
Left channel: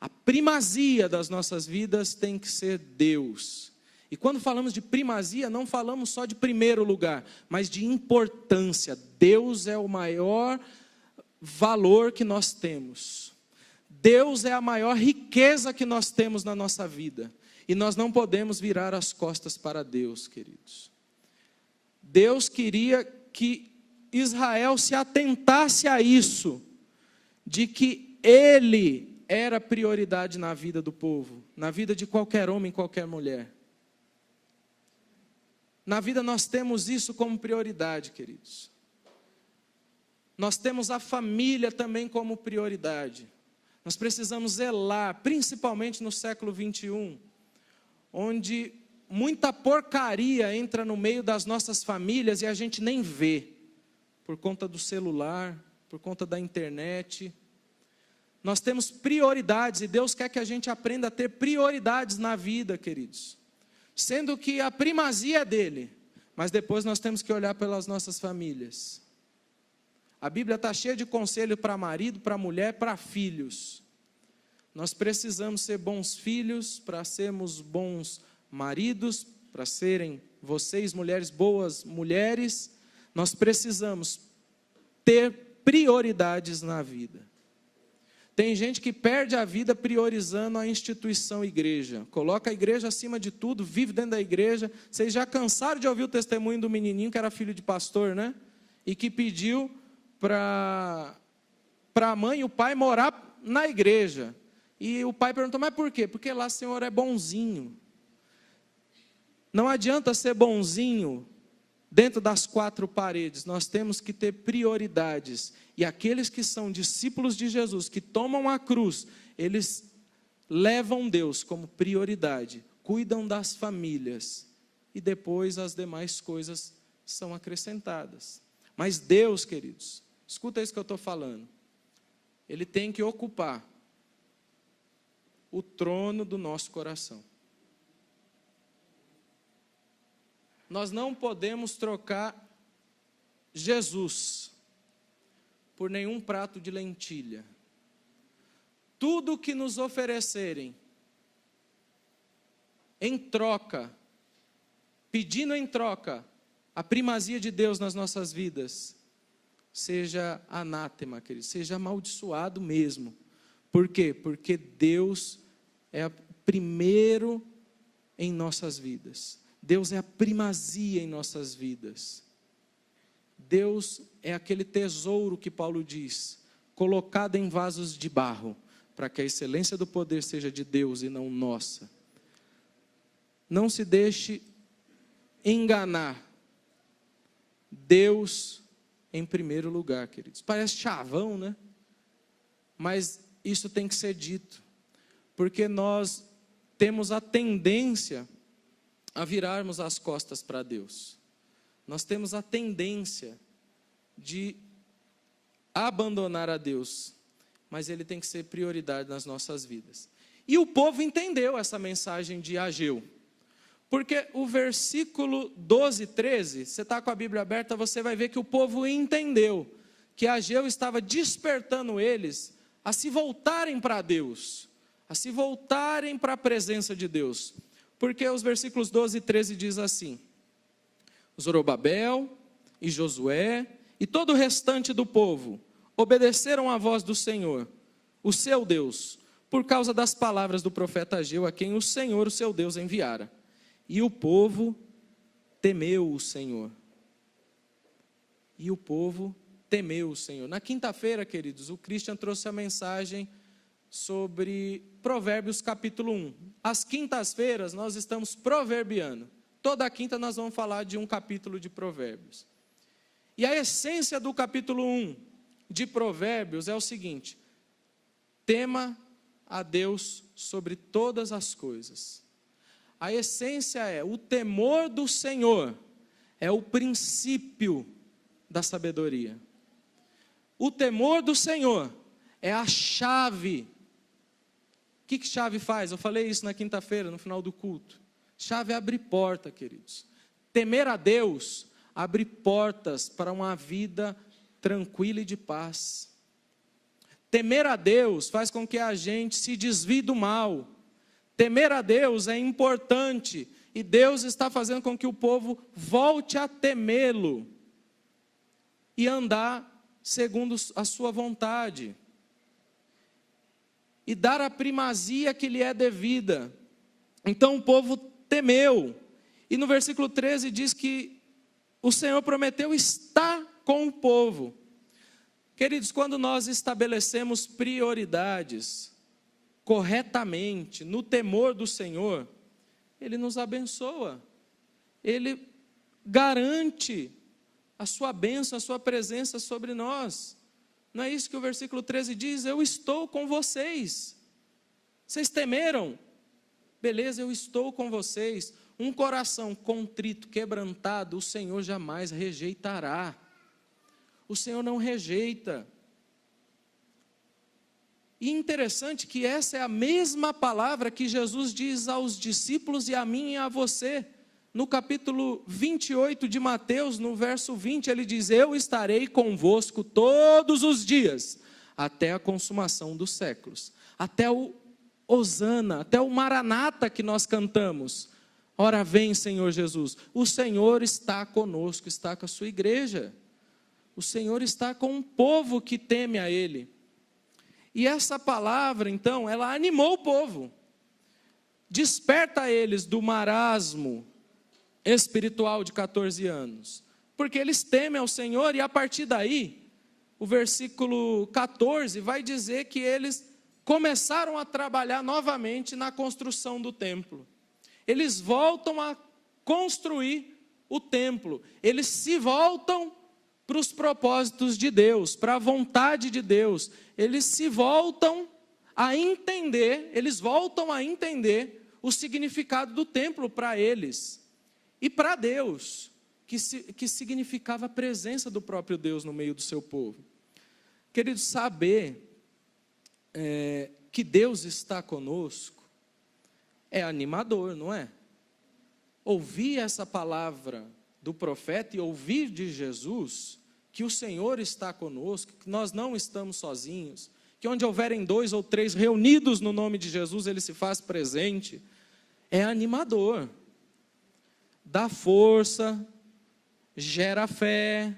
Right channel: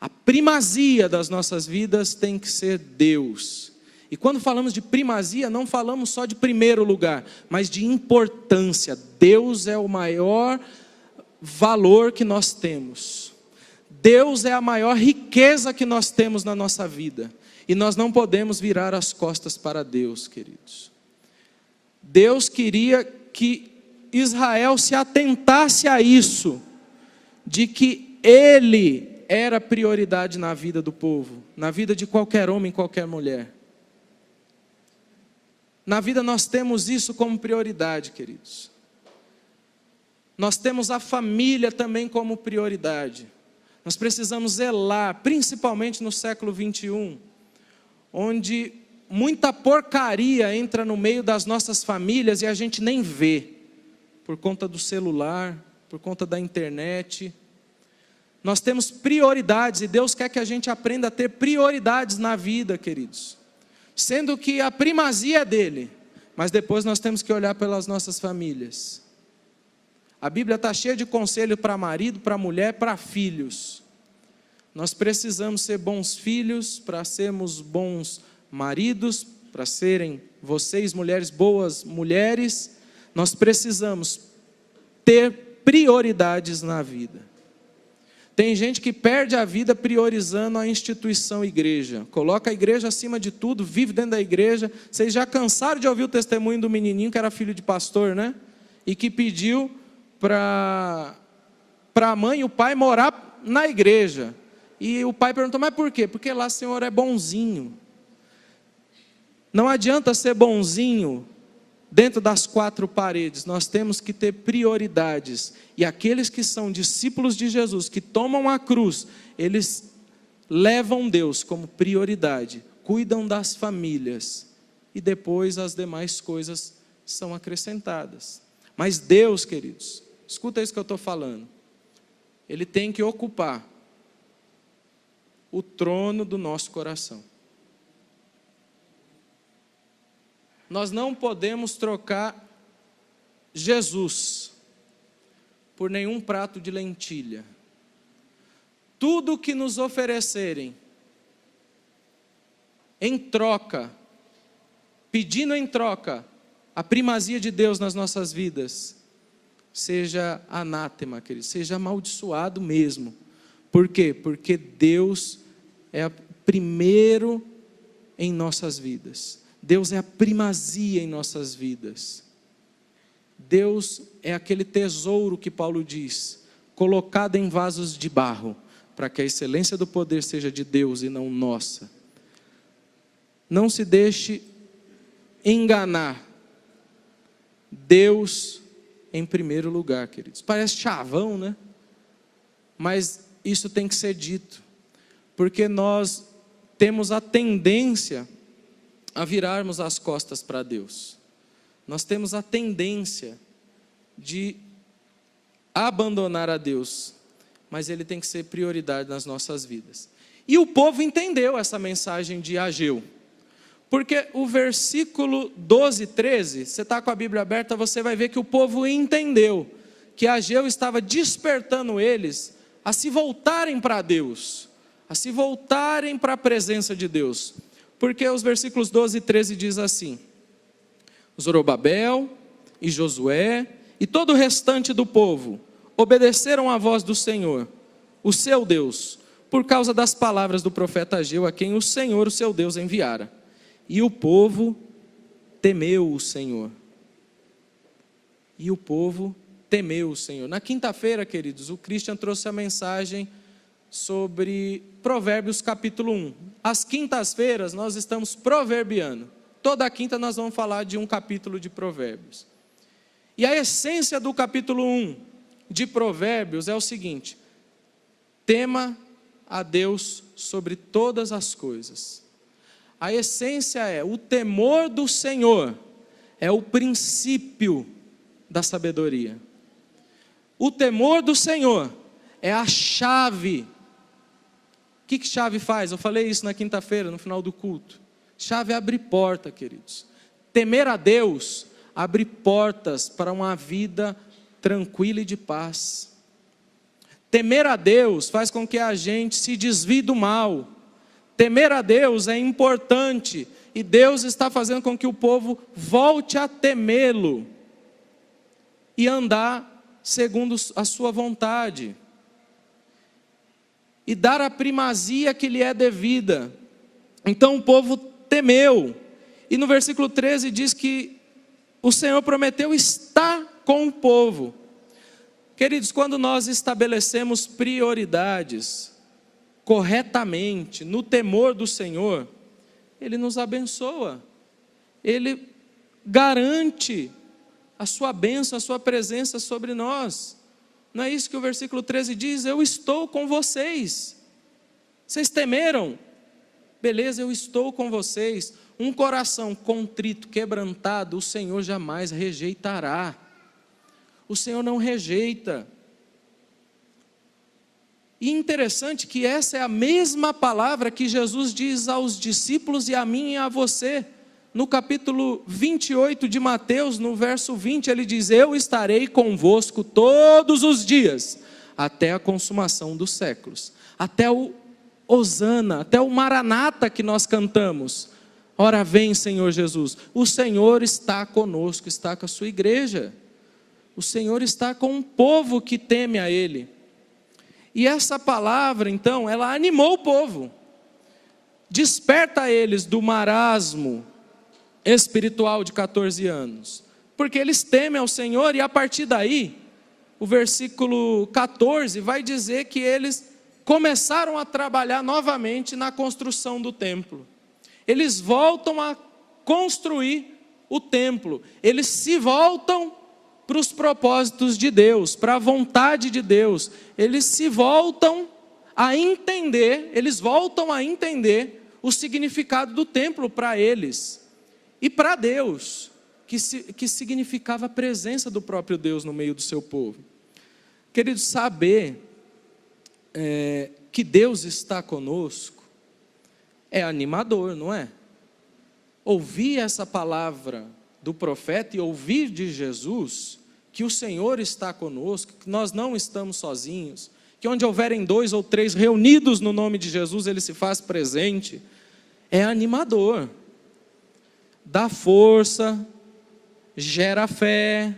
A primazia das nossas vidas tem que ser Deus. E quando falamos de primazia, não falamos só de primeiro lugar, mas de importância. Deus é o maior valor que nós temos. Deus é a maior riqueza que nós temos na nossa vida. E nós não podemos virar as costas para Deus, queridos. Deus queria que Israel se atentasse a isso, de que Ele era prioridade na vida do povo, na vida de qualquer homem, qualquer mulher. Na vida nós temos isso como prioridade, queridos. Nós temos a família também como prioridade. Nós precisamos zelar, principalmente no século 21, onde muita porcaria entra no meio das nossas famílias e a gente nem vê, por conta do celular, por conta da internet. Nós temos prioridades e Deus quer que a gente aprenda a ter prioridades na vida, queridos. Sendo que a primazia é dele, mas depois nós temos que olhar pelas nossas famílias. A Bíblia está cheia de conselho para marido, para mulher, para filhos. Nós precisamos ser bons filhos, para sermos bons maridos, para serem vocês, mulheres, boas mulheres. Nós precisamos ter prioridades na vida. Tem gente que perde a vida priorizando a instituição igreja. Coloca a igreja acima de tudo, vive dentro da igreja. Vocês já cansaram de ouvir o testemunho do menininho que era filho de pastor, né? E que pediu para a mãe e o pai morar na igreja. E o pai perguntou, mas por quê? Porque lá o senhor é bonzinho. Não adianta ser bonzinho dentro das quatro paredes. Nós temos que ter prioridades. E aqueles que são discípulos de Jesus, que tomam a cruz, eles levam Deus como prioridade, cuidam das famílias, e depois as demais coisas são acrescentadas. Mas Deus, queridos, escuta isso que eu estou falando, Ele tem que ocupar o trono do nosso coração. Nós não podemos trocar Jesus por nenhum prato de lentilha. Tudo que nos oferecerem em troca, pedindo em troca a primazia de Deus nas nossas vidas, seja anátema, querido, seja amaldiçoado mesmo. Por quê? Porque Deus é primeiro em nossas vidas. Deus é a primazia em nossas vidas. Deus é aquele tesouro que Paulo diz, colocado em vasos de barro, para que a excelência do poder seja de Deus e não nossa. Não se deixe enganar. Deus em primeiro lugar, queridos. Parece chavão, né? Mas isso tem que ser dito, porque nós temos a tendência a virarmos as costas para Deus. Nós temos a tendência de abandonar a Deus, mas Ele tem que ser prioridade nas nossas vidas. E o povo entendeu essa mensagem de Ageu, porque o versículo 12 e 13, você está com a Bíblia aberta, você vai ver que o povo entendeu, que Ageu estava despertando eles a se voltarem para Deus, a se voltarem para a presença de Deus, porque os versículos 12 e 13 diz assim: Zorobabel e Josué e todo o restante do povo obedeceram à voz do Senhor, o seu Deus, por causa das palavras do profeta Ageu, a quem o Senhor, o seu Deus, enviara. E o povo temeu o Senhor. E o povo temeu o Senhor. Na quinta-feira, queridos, o Christian trouxe a mensagem sobre Provérbios capítulo 1. Às quintas-feiras nós estamos proverbiando. Toda quinta nós vamos falar de um capítulo de Provérbios. E a essência do capítulo 1 de Provérbios é o seguinte: tema a Deus sobre todas as coisas. A essência é: o temor do Senhor é o princípio da sabedoria. O temor do Senhor é a chave. O que chave faz? Eu falei isso na quinta-feira, no final do culto. Chave abre porta, queridos. Temer a Deus abre portas para uma vida tranquila e de paz. Temer a Deus faz com que a gente se desvie do mal. Temer a Deus é importante, e Deus está fazendo com que o povo volte a temê-lo e andar segundo a sua vontade, e dar a primazia que lhe é devida. Então o povo temeu, e no versículo 13 diz que o Senhor prometeu estar com o povo. Queridos, quando nós estabelecemos prioridades corretamente, no temor do Senhor, Ele nos abençoa, Ele garante a sua bênção, a sua presença sobre nós. Não é isso que o versículo 13 diz? Eu estou com vocês. Vocês temeram? Beleza, eu estou com vocês. Um coração contrito, quebrantado, o Senhor jamais rejeitará. O Senhor não rejeita. E interessante que essa é a mesma palavra que Jesus diz aos discípulos e a mim e a você. No capítulo 28 de Mateus, no verso 20, ele diz: eu estarei convosco todos os dias, até a consumação dos séculos. Até o Hosana, até o Maranata que nós cantamos. Ora vem, Senhor Jesus. O Senhor está conosco, está com a sua igreja. O Senhor está com um povo que teme a Ele. E essa palavra, então, ela animou o povo. Desperta eles do marasmo espiritual de 14 anos. Porque eles temem ao Senhor, e a partir daí, o versículo 14 vai dizer que eles começaram a trabalhar novamente na construção do templo. Eles voltam a construir o templo. Eles se voltam para os propósitos de Deus, para a vontade de Deus. Eles se voltam a entender, o significado do templo para eles e para Deus, que significava a presença do próprio Deus no meio do seu povo. Queridos, saber que Deus está conosco é animador, não é? Ouvir essa palavra do profeta e ouvir de Jesus que o Senhor está conosco, que nós não estamos sozinhos, que onde houverem 2 ou 3 reunidos no nome de Jesus, Ele se faz presente, é animador, dá força, gera fé,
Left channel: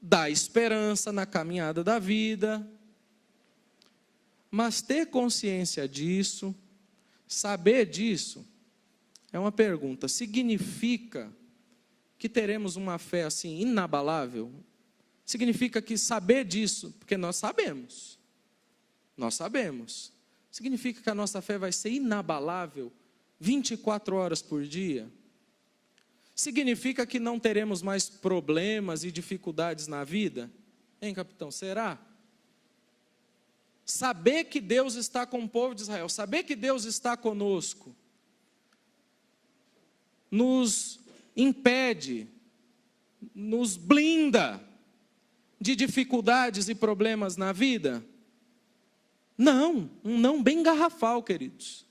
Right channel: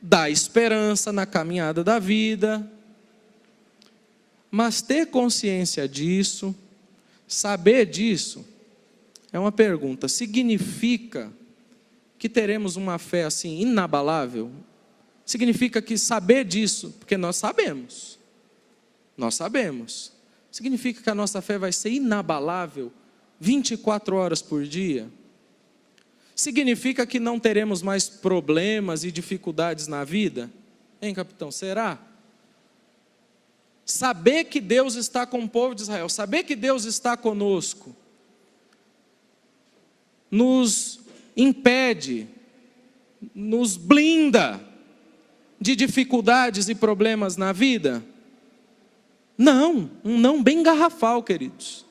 dá esperança na caminhada da vida. Mas ter consciência disso, saber disso, é uma pergunta: significa que teremos uma fé assim inabalável? Significa que saber disso, porque nós sabemos, significa que a nossa fé vai ser inabalável 24 horas por dia? Significa que não teremos mais problemas e dificuldades na vida? Hein, capitão, será? Saber que Deus está com o povo de Israel, saber que Deus está conosco, nos impede, nos blinda de dificuldades e problemas na vida? Não, um não bem garrafal, queridos.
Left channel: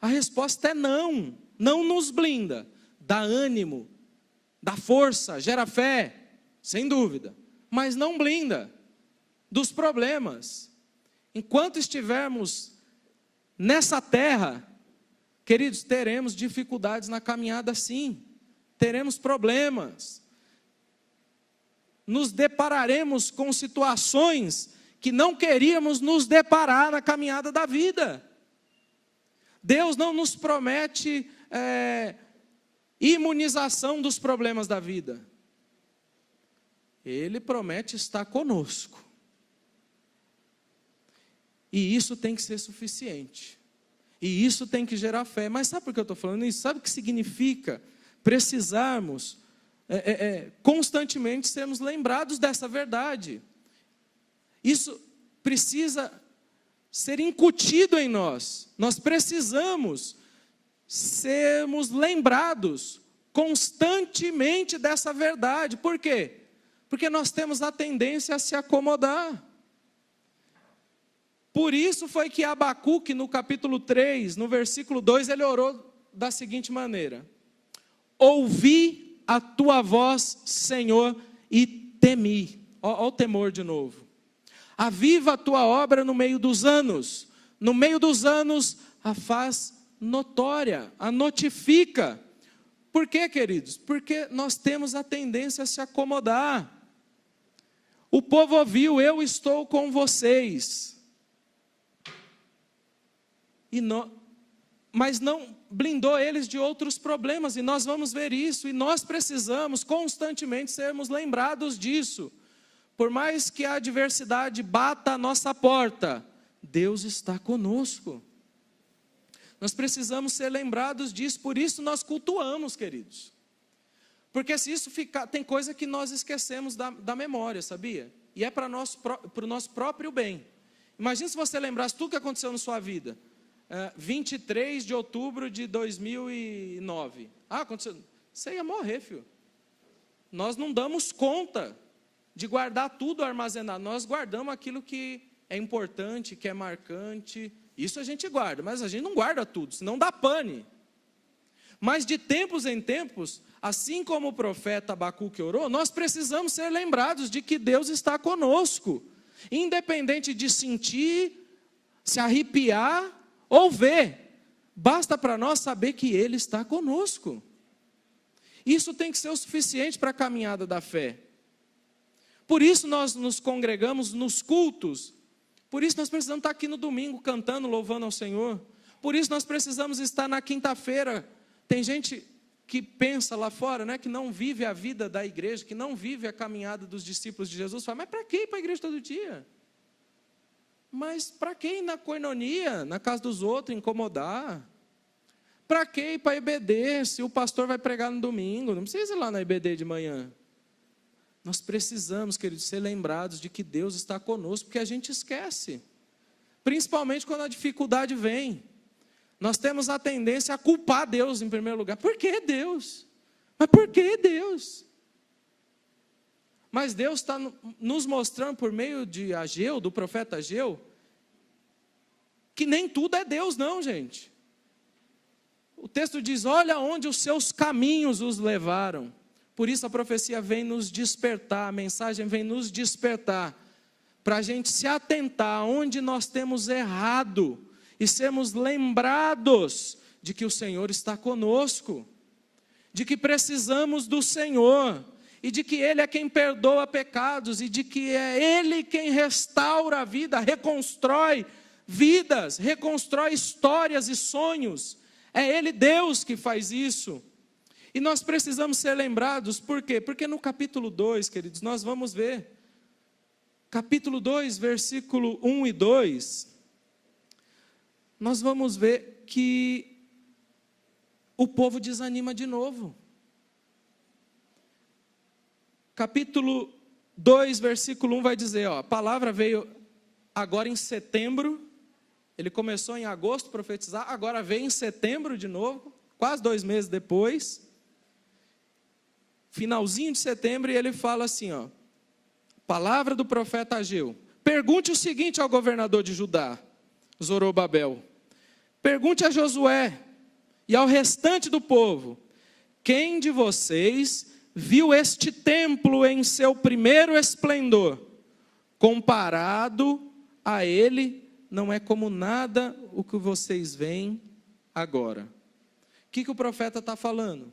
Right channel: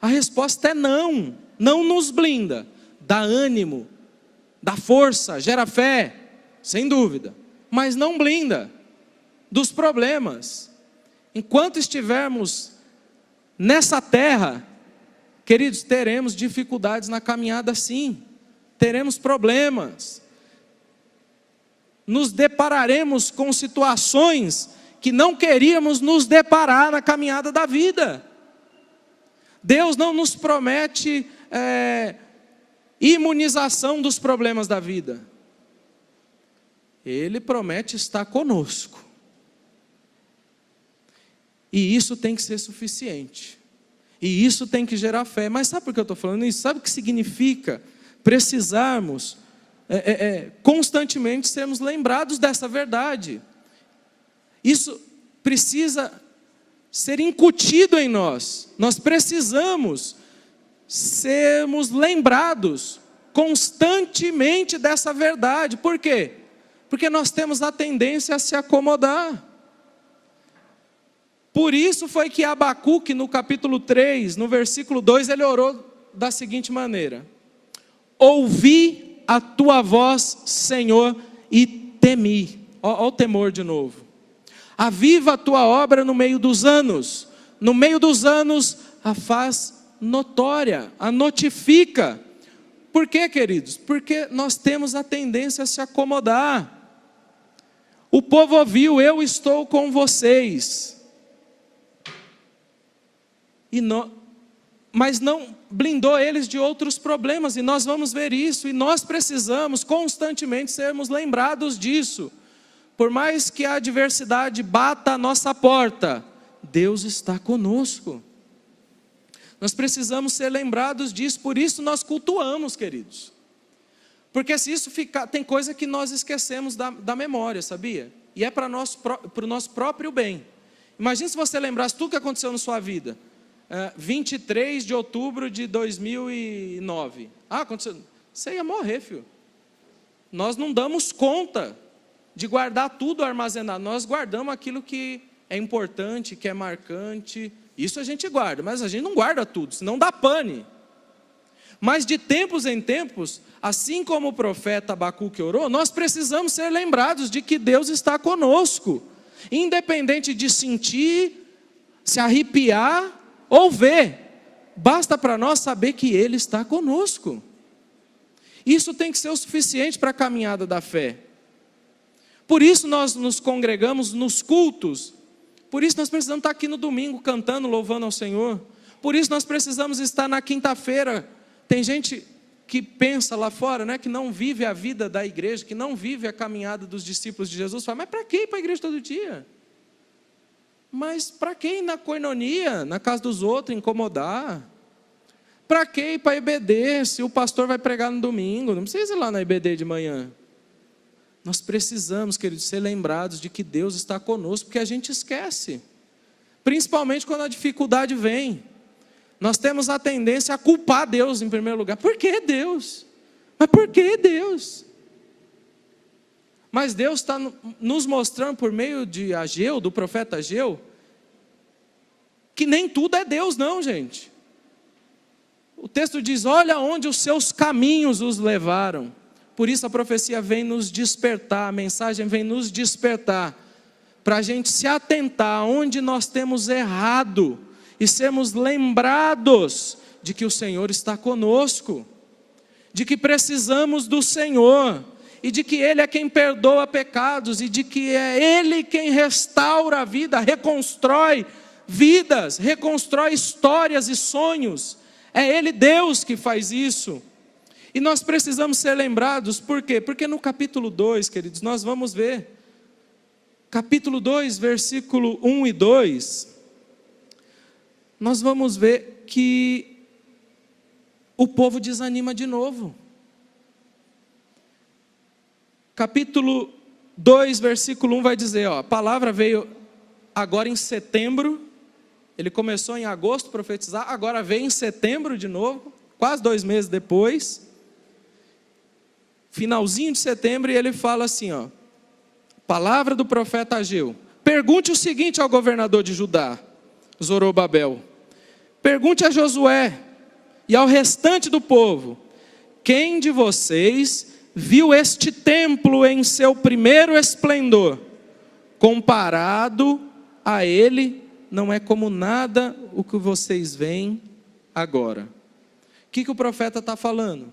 A resposta é não, não nos blinda, dá ânimo, dá força, gera fé, sem dúvida, mas não blinda dos problemas. Enquanto estivermos nessa terra, queridos, teremos dificuldades na caminhada, sim, teremos problemas, nos depararemos com situações que não queríamos nos deparar na caminhada da vida. Deus não nos promete imunização dos problemas da vida, Ele promete estar conosco, e isso tem que ser suficiente, e isso tem que gerar fé. Mas sabe por que eu estou falando isso? Sabe o que significa precisarmos constantemente sermos lembrados dessa verdade? Isso precisa ser incutido em nós. Nós precisamos sermos lembrados constantemente dessa verdade. Por quê? Porque nós temos a tendência a se acomodar. Por isso foi que Abacuque, no capítulo 3, no versículo 2, ele orou da seguinte maneira: ouvi a tua voz, Senhor, e temi. Olha o temor de novo. Aviva a tua obra no meio dos anos. No meio dos anos, a faz notória, a notifica. Por quê, queridos? Porque nós temos a tendência a se acomodar. O povo ouviu: eu estou com vocês. Mas não blindou eles de outros problemas, e nós vamos ver isso, e nós precisamos constantemente sermos lembrados disso. Por mais que a adversidade bata a nossa porta, Deus está conosco. Nós precisamos ser lembrados disso, por isso nós cultuamos, queridos. Porque se isso ficar, tem coisa que nós esquecemos da memória, sabia? E é para o nosso próprio bem. Imagina se você lembrasse tudo que aconteceu na sua vida. 23 de outubro de 2009. Aconteceu. Você ia morrer, filho. Nós não damos conta de guardar tudo armazenado. Nós guardamos aquilo que é importante, que é marcante. Isso a gente guarda, mas a gente não guarda tudo, senão dá pane. Mas de tempos em tempos, assim como o profeta Abacuque orou, nós precisamos ser lembrados de que Deus está conosco. Independente de sentir, se arrepiar ou ver, basta para nós saber que Ele está conosco. Isso tem que ser o suficiente para a caminhada da fé. Por isso nós nos congregamos nos cultos. Por isso nós precisamos estar aqui no domingo cantando, louvando ao Senhor. Por isso nós precisamos estar na quinta-feira. Tem gente que pensa lá fora, né, que não vive a vida da igreja, que não vive a caminhada dos discípulos de Jesus. Fala: mas para que ir para a igreja todo dia? Mas para que ir na coinonia, na casa dos outros, incomodar? Para que ir para a IBD, se o pastor vai pregar no domingo? Não precisa ir lá na IBD de manhã. Nós precisamos, queridos, ser lembrados de que Deus está conosco, porque a gente esquece. Principalmente quando a dificuldade vem. Nós temos a tendência a culpar Deus em primeiro lugar. Por que Deus? Mas por que Deus? Mas Deus está nos mostrando por meio de Ageu, do profeta Ageu, que nem tudo é Deus não, gente. O texto diz: olha onde os seus caminhos os levaram. Por isso a profecia vem nos despertar, a mensagem vem nos despertar, para a gente se atentar onde nós temos errado, e sermos lembrados de que o Senhor está conosco, de que precisamos do Senhor, e de que Ele é quem perdoa pecados, e de que é Ele quem restaura a vida, reconstrói vidas, reconstrói histórias e sonhos. É Ele, Deus, que faz isso. E nós precisamos ser lembrados, por quê? Porque no capítulo 2, queridos, nós vamos ver, capítulo 2, versículo 1 e 2, nós vamos ver que o povo desanima de novo. Capítulo 2, versículo 1 vai dizer, a palavra veio agora em setembro, ele começou em agosto a profetizar, agora veio em setembro de novo, quase 2 meses depois, finalzinho de setembro, e ele fala assim, palavra do profeta Ageu: pergunte o seguinte ao governador de Judá, Zorobabel, pergunte a Josué e ao restante do povo: quem de vocês viu este templo em seu primeiro esplendor? Comparado a ele, não é como nada o que vocês veem agora. O que o profeta está falando?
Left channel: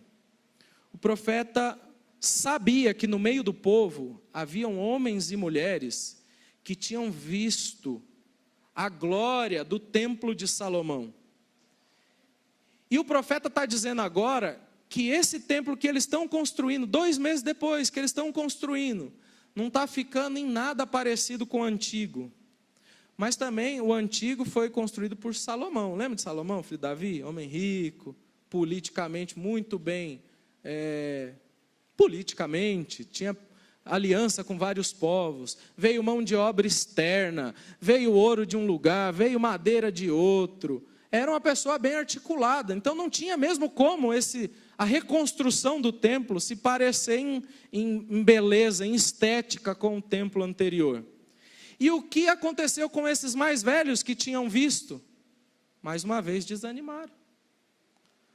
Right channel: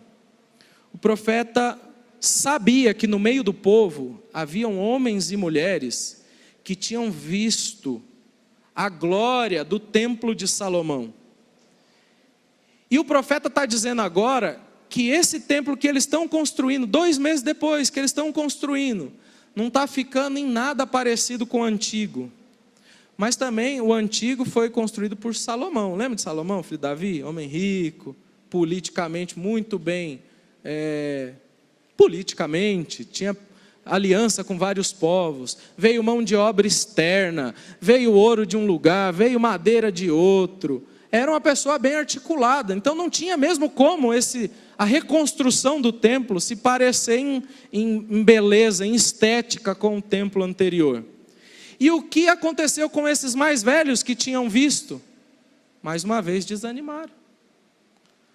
O profeta sabia que no meio do povo haviam homens e mulheres que tinham visto a glória do templo de Salomão. E o profeta está dizendo agora que esse templo que eles estão construindo, 2 meses depois que eles estão construindo, não está ficando em nada parecido com o antigo. Mas também o antigo foi construído por Salomão. Lembra de Salomão, filho de Davi? Homem rico, politicamente muito bem, politicamente, tinha aliança com vários povos, veio mão de obra externa, veio ouro de um lugar, veio madeira de outro, era uma pessoa bem articulada, então não tinha mesmo como a reconstrução do templo se parecer em beleza, em estética com o templo anterior. E o que aconteceu com esses mais velhos que tinham visto? Mais uma vez desanimaram.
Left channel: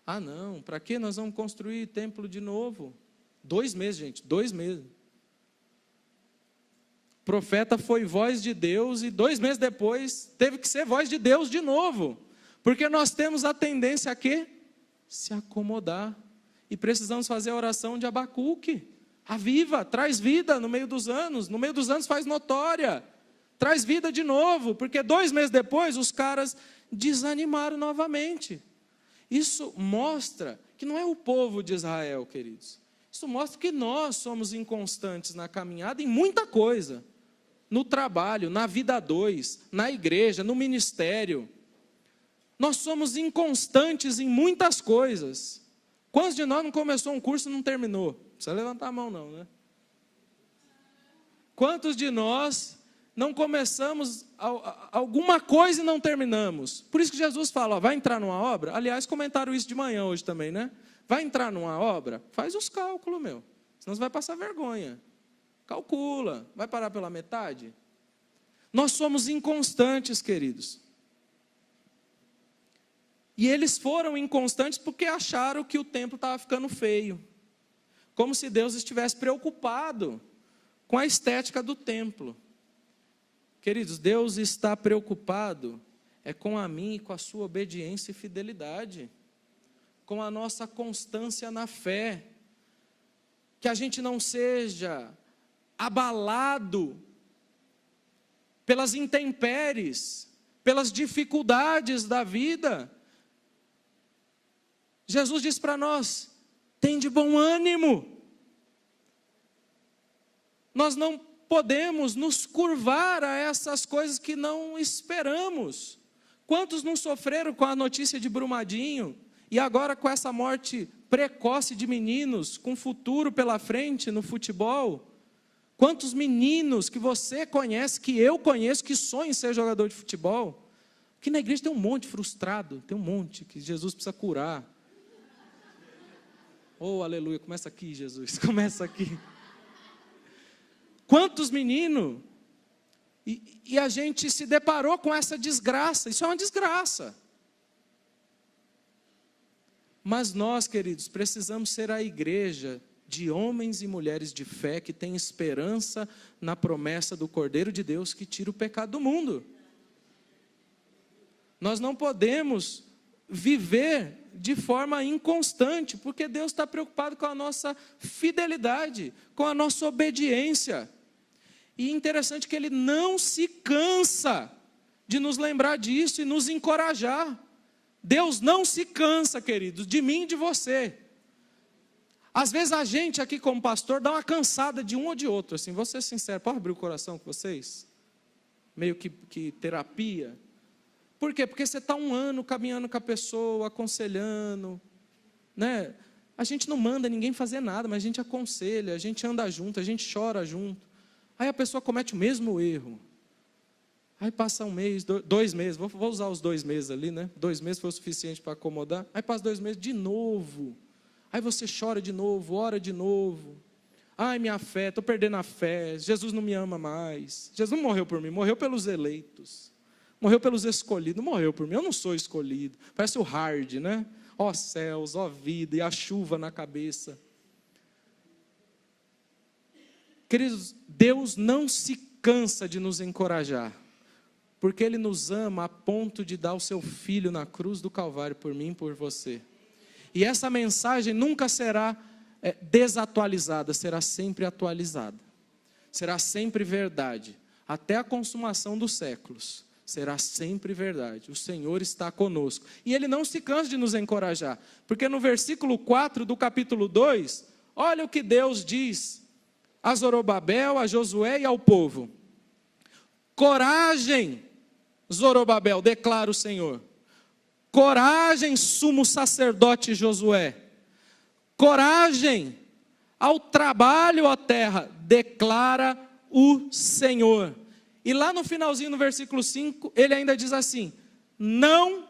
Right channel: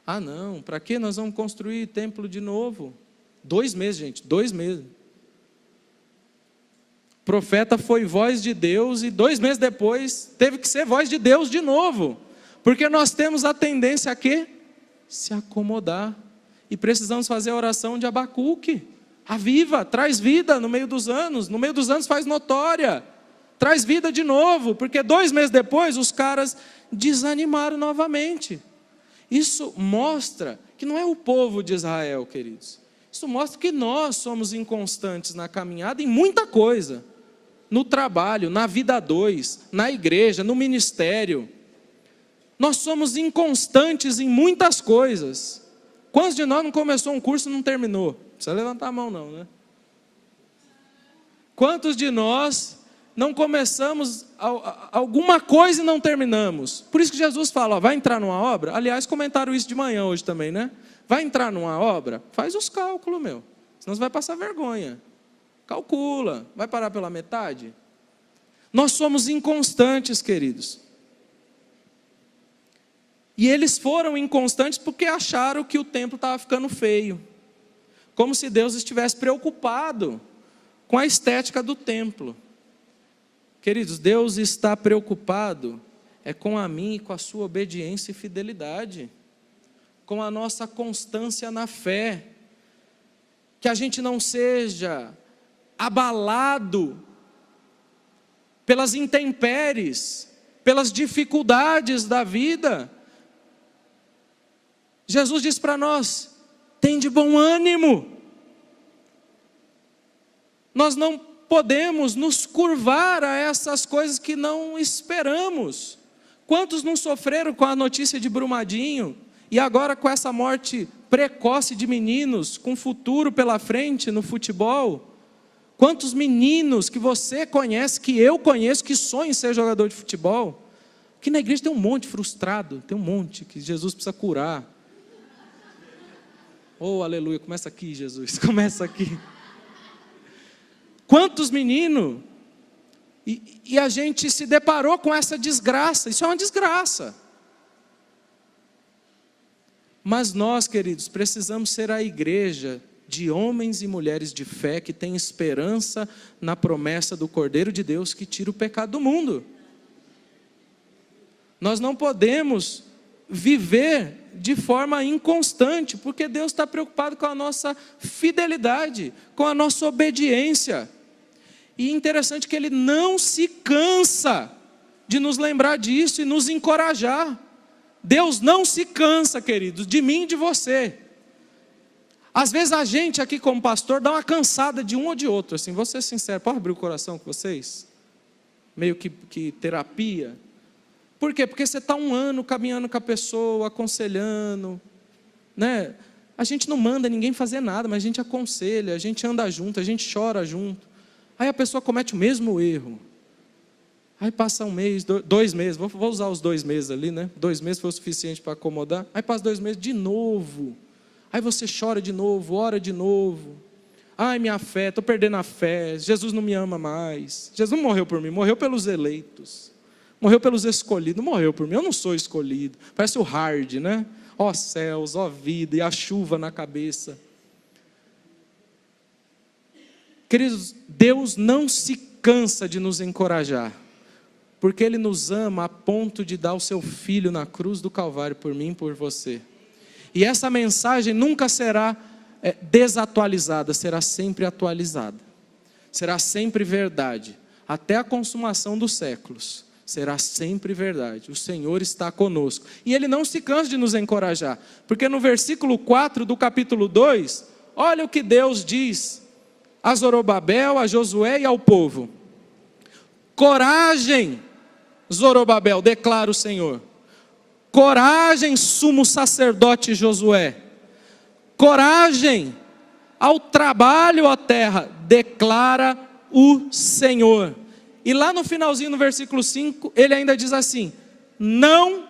Ah não, para que nós vamos construir templo de novo? 2 meses, gente, 2 meses. O profeta foi voz de Deus e 2 meses depois teve que ser voz de Deus de novo. Porque nós temos a tendência a quê? Se acomodar. E precisamos fazer a oração de Abacuque. Aviva, traz vida no meio dos anos faz notória. Traz vida de novo, porque 2 meses depois os caras desanimaram novamente. Isso mostra que não é o povo de Israel, queridos. Isso mostra que nós somos inconstantes na caminhada em muita coisa. No trabalho, na vida a dois, na igreja, no ministério. Nós somos inconstantes em muitas coisas. Quantos de nós não começou um curso e não terminou? Não precisa levantar a mão não, né? Quantos de nós não começamos alguma coisa e não terminamos? Por isso que Jesus fala, ó, vai entrar numa obra? Aliás, comentaram isso de manhã hoje também, né? Vai entrar numa obra? Faz os cálculos, meu. Senão você vai passar vergonha. Calcula. Vai parar pela metade? Nós somos inconstantes, queridos. E eles foram inconstantes porque acharam que o templo estava ficando feio. Como se Deus estivesse preocupado com a estética do templo. Queridos, Deus está preocupado com a minha e com a sua obediência e fidelidade. Com a nossa constância na fé. Que a gente não seja abalado pelas intempéries, pelas dificuldades da vida. Jesus diz para nós, tem de bom ânimo. Nós não podemos nos curvar a essas coisas que não esperamos. Quantos não sofreram com a notícia de Brumadinho, e agora com essa morte precoce de meninos, com futuro pela frente no futebol? Quantos meninos que você conhece, que eu conheço, que sonham em ser jogador de futebol? Aqui na igreja tem um monte frustrado, tem um monte que Jesus precisa curar. Oh, aleluia, começa aqui, Jesus, começa aqui. Quantos meninos? E a gente se deparou com essa desgraça, isso é uma desgraça. Mas nós, queridos, precisamos ser a igreja de homens e mulheres de fé que tem esperança na promessa do Cordeiro de Deus que tira o pecado do mundo. Nós não podemos viver de forma inconstante, porque Deus está preocupado com a nossa fidelidade, com a nossa obediência. E interessante que Ele não se cansa de nos lembrar disso e nos encorajar. Deus não se cansa, queridos, de mim e de você. Às vezes a gente aqui como pastor dá uma cansada de um ou de outro, assim, vou ser sincero, pode abrir o coração com vocês? Meio que terapia. Por quê? Porque você está 1 ano caminhando com a pessoa, aconselhando, né? A gente não manda ninguém fazer nada, mas a gente aconselha, a gente anda junto, a gente chora junto. Aí a pessoa comete o mesmo erro. Aí passa 1 mês, 2 meses, vou usar os 2 meses ali, né? 2 meses foi o suficiente para acomodar. Aí passa 2 meses de novo. Aí você chora de novo, ora de novo. Ai, minha fé, estou perdendo a fé, Jesus não me ama mais. Jesus não morreu por mim, morreu pelos eleitos. Morreu pelos escolhidos, não morreu por mim, eu não sou escolhido. Parece o Hard, né? Ó céus, ó vida, e a chuva na cabeça. Queridos, Deus não se cansa de nos encorajar, porque Ele nos ama a ponto de dar o seu Filho na cruz do Calvário por mim e por você. E essa mensagem nunca será desatualizada, será sempre atualizada. Será sempre verdade, até a consumação dos séculos. Será sempre verdade, o Senhor está conosco. E Ele não se cansa de nos encorajar, porque no versículo 4 do capítulo 2, olha o que Deus diz a Zorobabel, a Josué e ao povo. Coragem, Zorobabel, declara o Senhor. Coragem, sumo sacerdote Josué. Coragem ao trabalho, ó terra, declara o Senhor. E lá no finalzinho, no versículo 5, ele ainda diz assim: não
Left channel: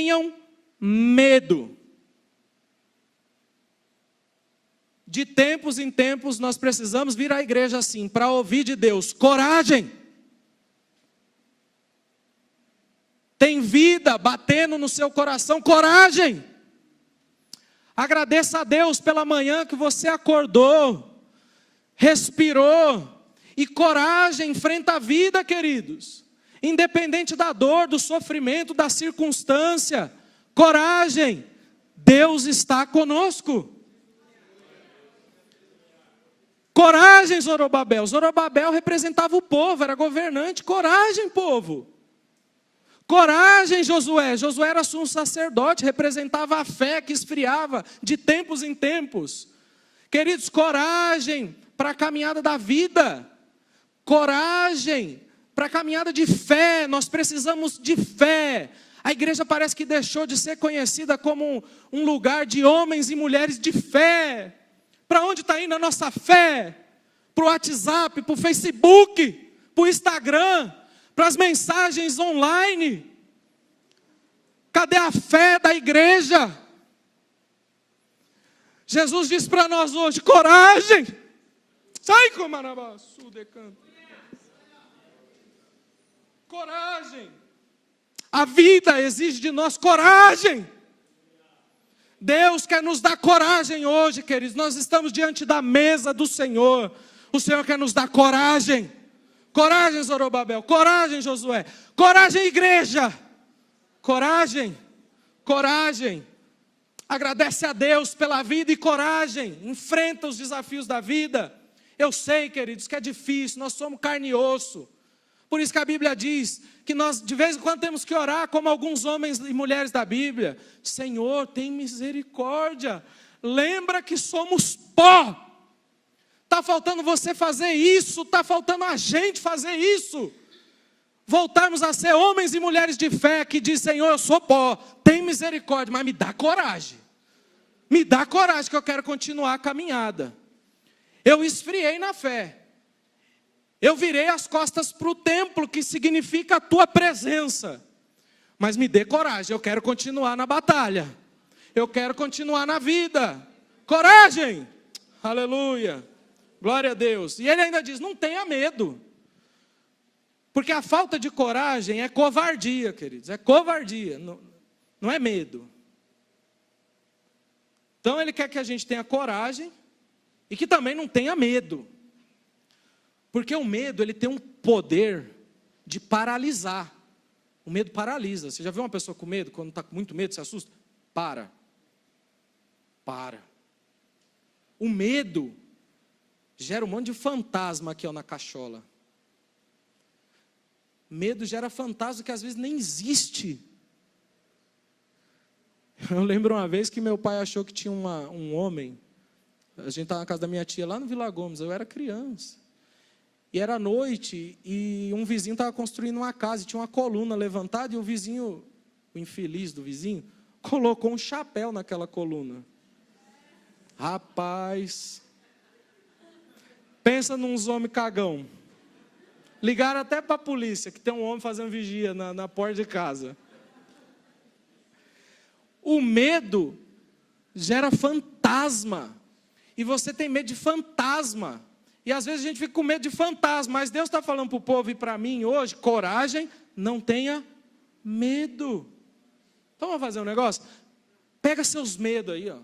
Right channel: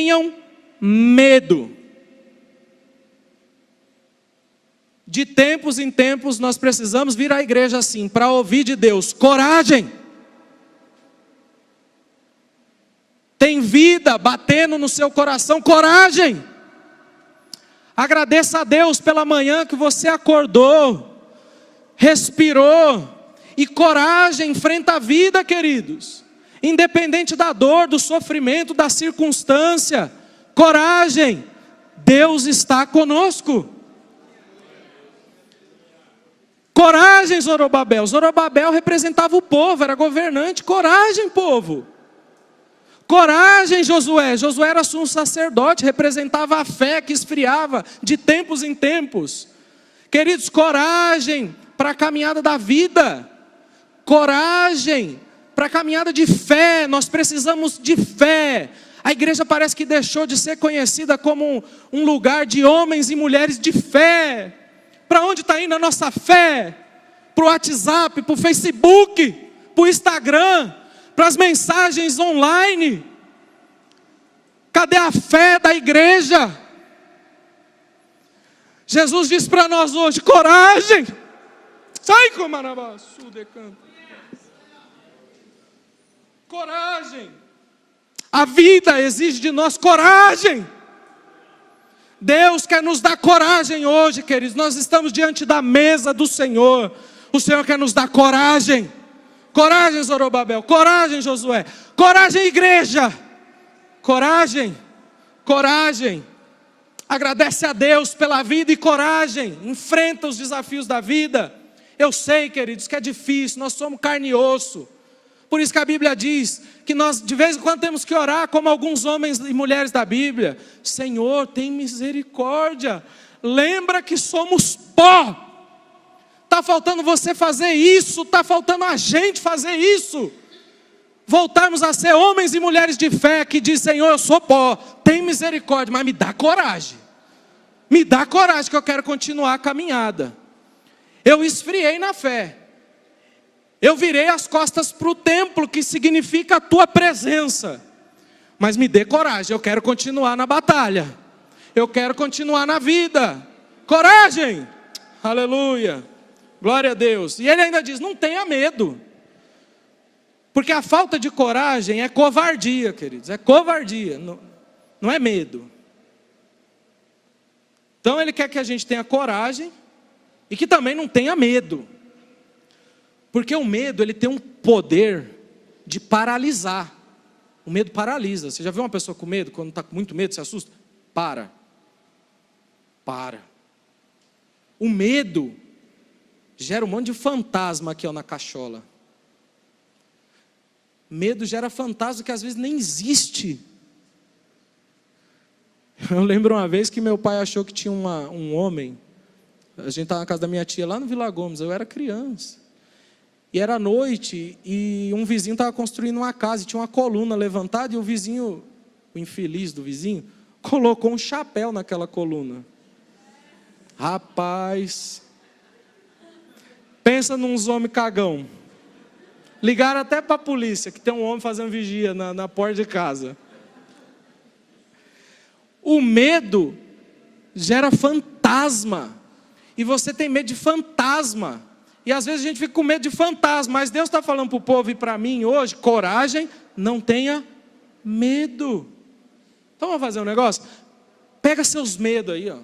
tenham medo. De tempos em tempos nós precisamos vir à igreja assim, para ouvir de Deus: coragem. Tem vida batendo no seu coração, coragem. Agradeça a Deus pela manhã que você acordou, respirou, e coragem, enfrenta a vida, queridos. Independente da dor, do sofrimento, da circunstância, coragem, Deus está conosco. Coragem, Zorobabel. Zorobabel representava o povo, era governante. Coragem, povo. Coragem, Josué. Josué era sumo sacerdote, representava a fé que esfriava de tempos em tempos. Queridos, coragem para a caminhada da vida. Coragem para a caminhada de fé. Nós precisamos de fé. A igreja parece que deixou de ser conhecida como um lugar de homens e mulheres de fé. Para onde está indo a nossa fé? Para o WhatsApp, para o Facebook, para o Instagram, para as mensagens online. Cadê a fé da igreja? Jesus diz para nós hoje: coragem. Sai com Manabaçu de canto. Coragem. A vida exige de nós coragem. Deus quer nos dar coragem hoje, queridos. Nós estamos diante da mesa do Senhor. O Senhor quer nos dar coragem. Coragem, Zorobabel. Coragem, Josué. Coragem, igreja. Coragem. Coragem. Agradece a Deus pela vida e coragem. Enfrenta os desafios da vida. Eu sei, queridos, que é difícil. Nós somos carne e osso. Por isso que a Bíblia diz que nós de vez em quando temos que orar como alguns homens e mulheres da Bíblia: Senhor, tem misericórdia, lembra que somos pó. Está faltando você fazer isso, está faltando a gente fazer isso. Voltarmos a ser homens e mulheres de fé que diz: Senhor, eu sou pó, tem misericórdia, mas me dá coragem. Me dá coragem que eu quero continuar a caminhada. Eu esfriei na fé. Eu virei as costas para o templo, que significa a tua presença. Mas me dê coragem, eu quero continuar na batalha. Eu quero continuar na vida. Coragem! Aleluia! Glória a Deus. E ele ainda diz: não tenha medo. Porque a falta de coragem é covardia, queridos. É covardia, não é medo. Então ele quer que a gente tenha coragem e que também não tenha medo. Porque o medo, ele tem um poder de paralisar. O medo paralisa. Você já viu uma pessoa com medo? Quando está com muito medo, se assusta? Para. O medo gera um monte de fantasma aqui, ó, na cachola. Medo gera fantasma que às vezes nem existe. Eu lembro uma vez que meu pai achou que tinha um homem. A gente estava na casa da minha tia lá no Vila Gomes. Eu era criança. E era noite, e um vizinho estava construindo uma casa, e tinha uma coluna levantada, e o vizinho, o infeliz do vizinho, colocou um chapéu naquela coluna. Rapaz, pensa nos homens cagão. Ligaram até para a polícia, que tem um homem fazendo vigia na porta de casa. O medo gera fantasma, e você tem medo de fantasma. E às vezes a gente fica com medo de fantasma, mas Deus está falando para o povo e para mim hoje: coragem, não tenha medo. Então vamos fazer um negócio? Pega seus medos aí, ó.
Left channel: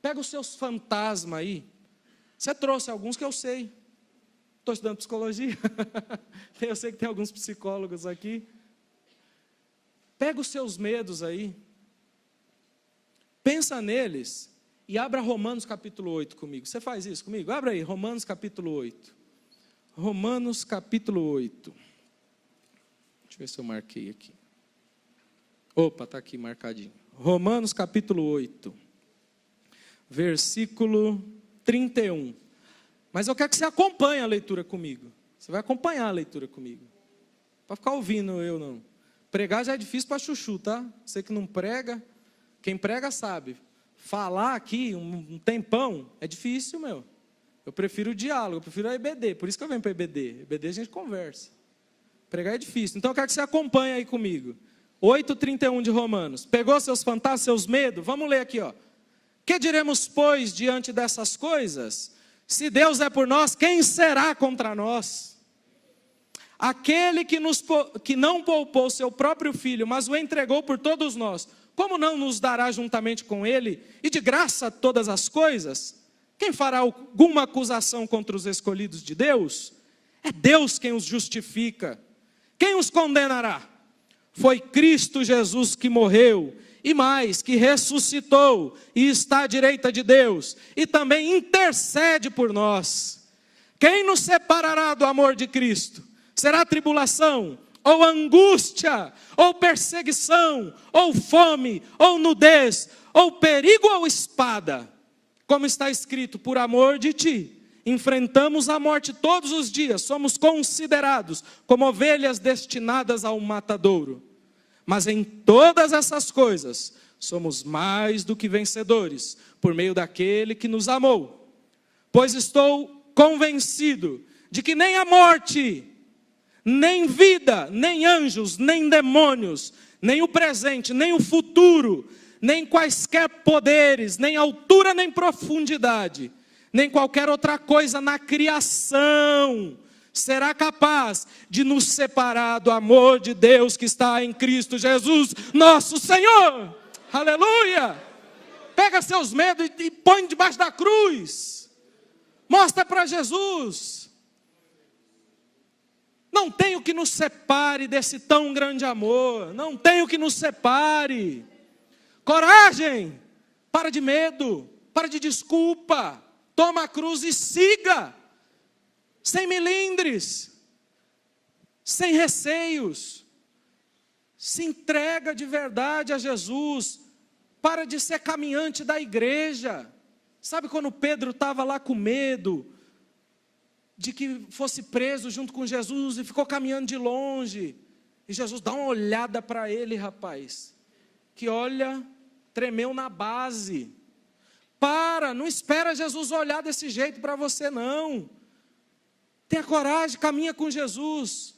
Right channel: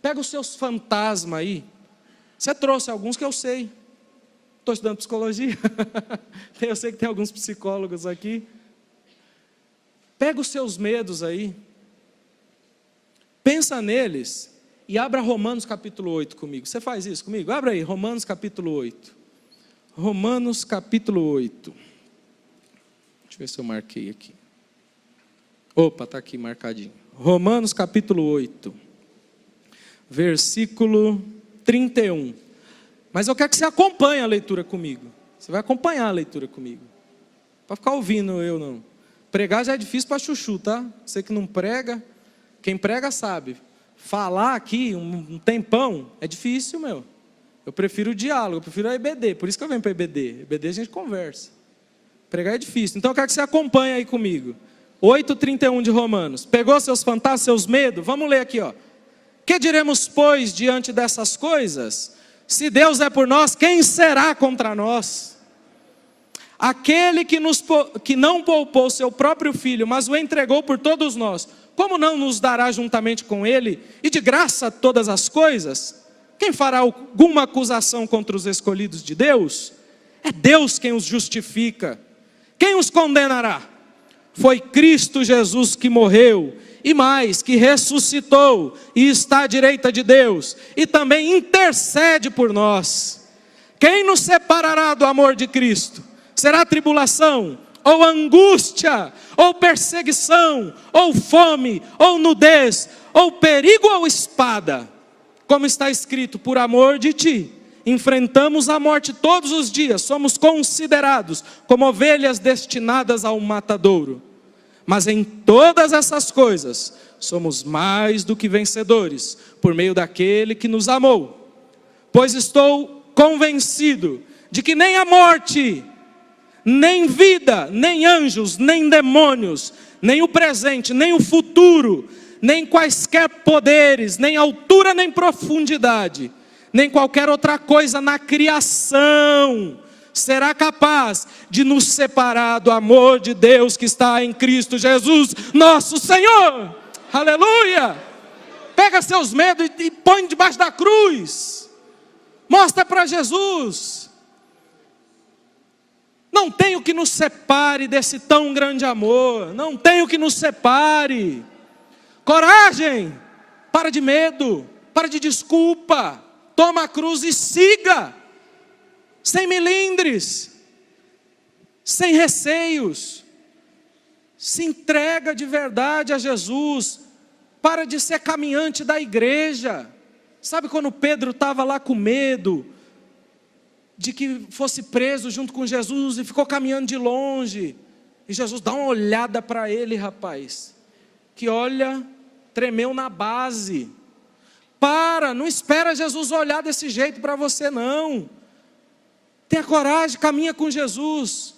Pega os seus fantasmas aí. Você trouxe alguns que eu sei. Estou estudando psicologia. Eu sei que tem alguns psicólogos aqui. Pega os seus medos aí. Pensa neles. E abra Romanos capítulo 8 comigo. Você faz isso comigo? Abra aí, Romanos capítulo 8. Romanos capítulo 8. Deixa eu ver se eu marquei aqui. Opa, está aqui marcadinho. Romanos capítulo 8. Versículo 31. Mas eu quero que você acompanhe a leitura comigo. Você vai acompanhar a leitura comigo. Para ficar ouvindo eu não. Pregar já é difícil para chuchu, tá? Você que não prega, quem prega sabe. Falar aqui um tempão é difícil, meu. Eu prefiro o diálogo, eu prefiro a EBD. Por isso que eu venho para a EBD. EBD a gente conversa. Pregar é difícil. Então eu quero que você acompanhe aí comigo. 8:31 de Romanos. Pegou seus fantasmas, seus medos? Vamos ler aqui, ó. Que diremos, pois, diante dessas coisas? Se Deus é por nós, quem será contra nós? Aquele que não poupou seu próprio filho, mas o entregou por todos nós, como não nos dará juntamente com ele, e de graça todas as coisas? Quem fará alguma acusação contra os escolhidos de Deus? É Deus quem os justifica. Quem os condenará? Foi Cristo Jesus que morreu, e mais, que ressuscitou, e está à direita de Deus, e também intercede por nós. Quem nos separará do amor de Cristo? Será tribulação, ou angústia, ou perseguição, ou fome, ou nudez, ou perigo, ou espada? Como está escrito, por amor de ti, enfrentamos a morte todos os dias, somos considerados como ovelhas destinadas ao matadouro. Mas em todas essas coisas, somos mais do que vencedores, por meio daquele que nos amou. Pois estou convencido de que nem a morte, nem vida, nem anjos, nem demônios, nem o presente, nem o futuro, nem quaisquer poderes, nem altura, nem profundidade, nem qualquer outra coisa na criação será capaz de nos separar do amor de Deus que está em Cristo Jesus, nosso Senhor. Aleluia! Pega seus medos e põe debaixo da cruz. Mostra para Jesus. Não tem o que nos separe desse tão grande amor. Não tem o que nos separe. Coragem. Para de medo. Para de desculpa. Toma a cruz e siga. Sem melindres, sem receios, se entrega de verdade a Jesus, para de ser caminhante da igreja. Sabe quando Pedro estava lá com medo de que fosse preso junto com Jesus e ficou caminhando de longe, e Jesus dá uma olhada para ele, rapaz, que olha, tremeu na base. Não espera Jesus olhar desse jeito para você não. Tenha coragem, caminha com Jesus.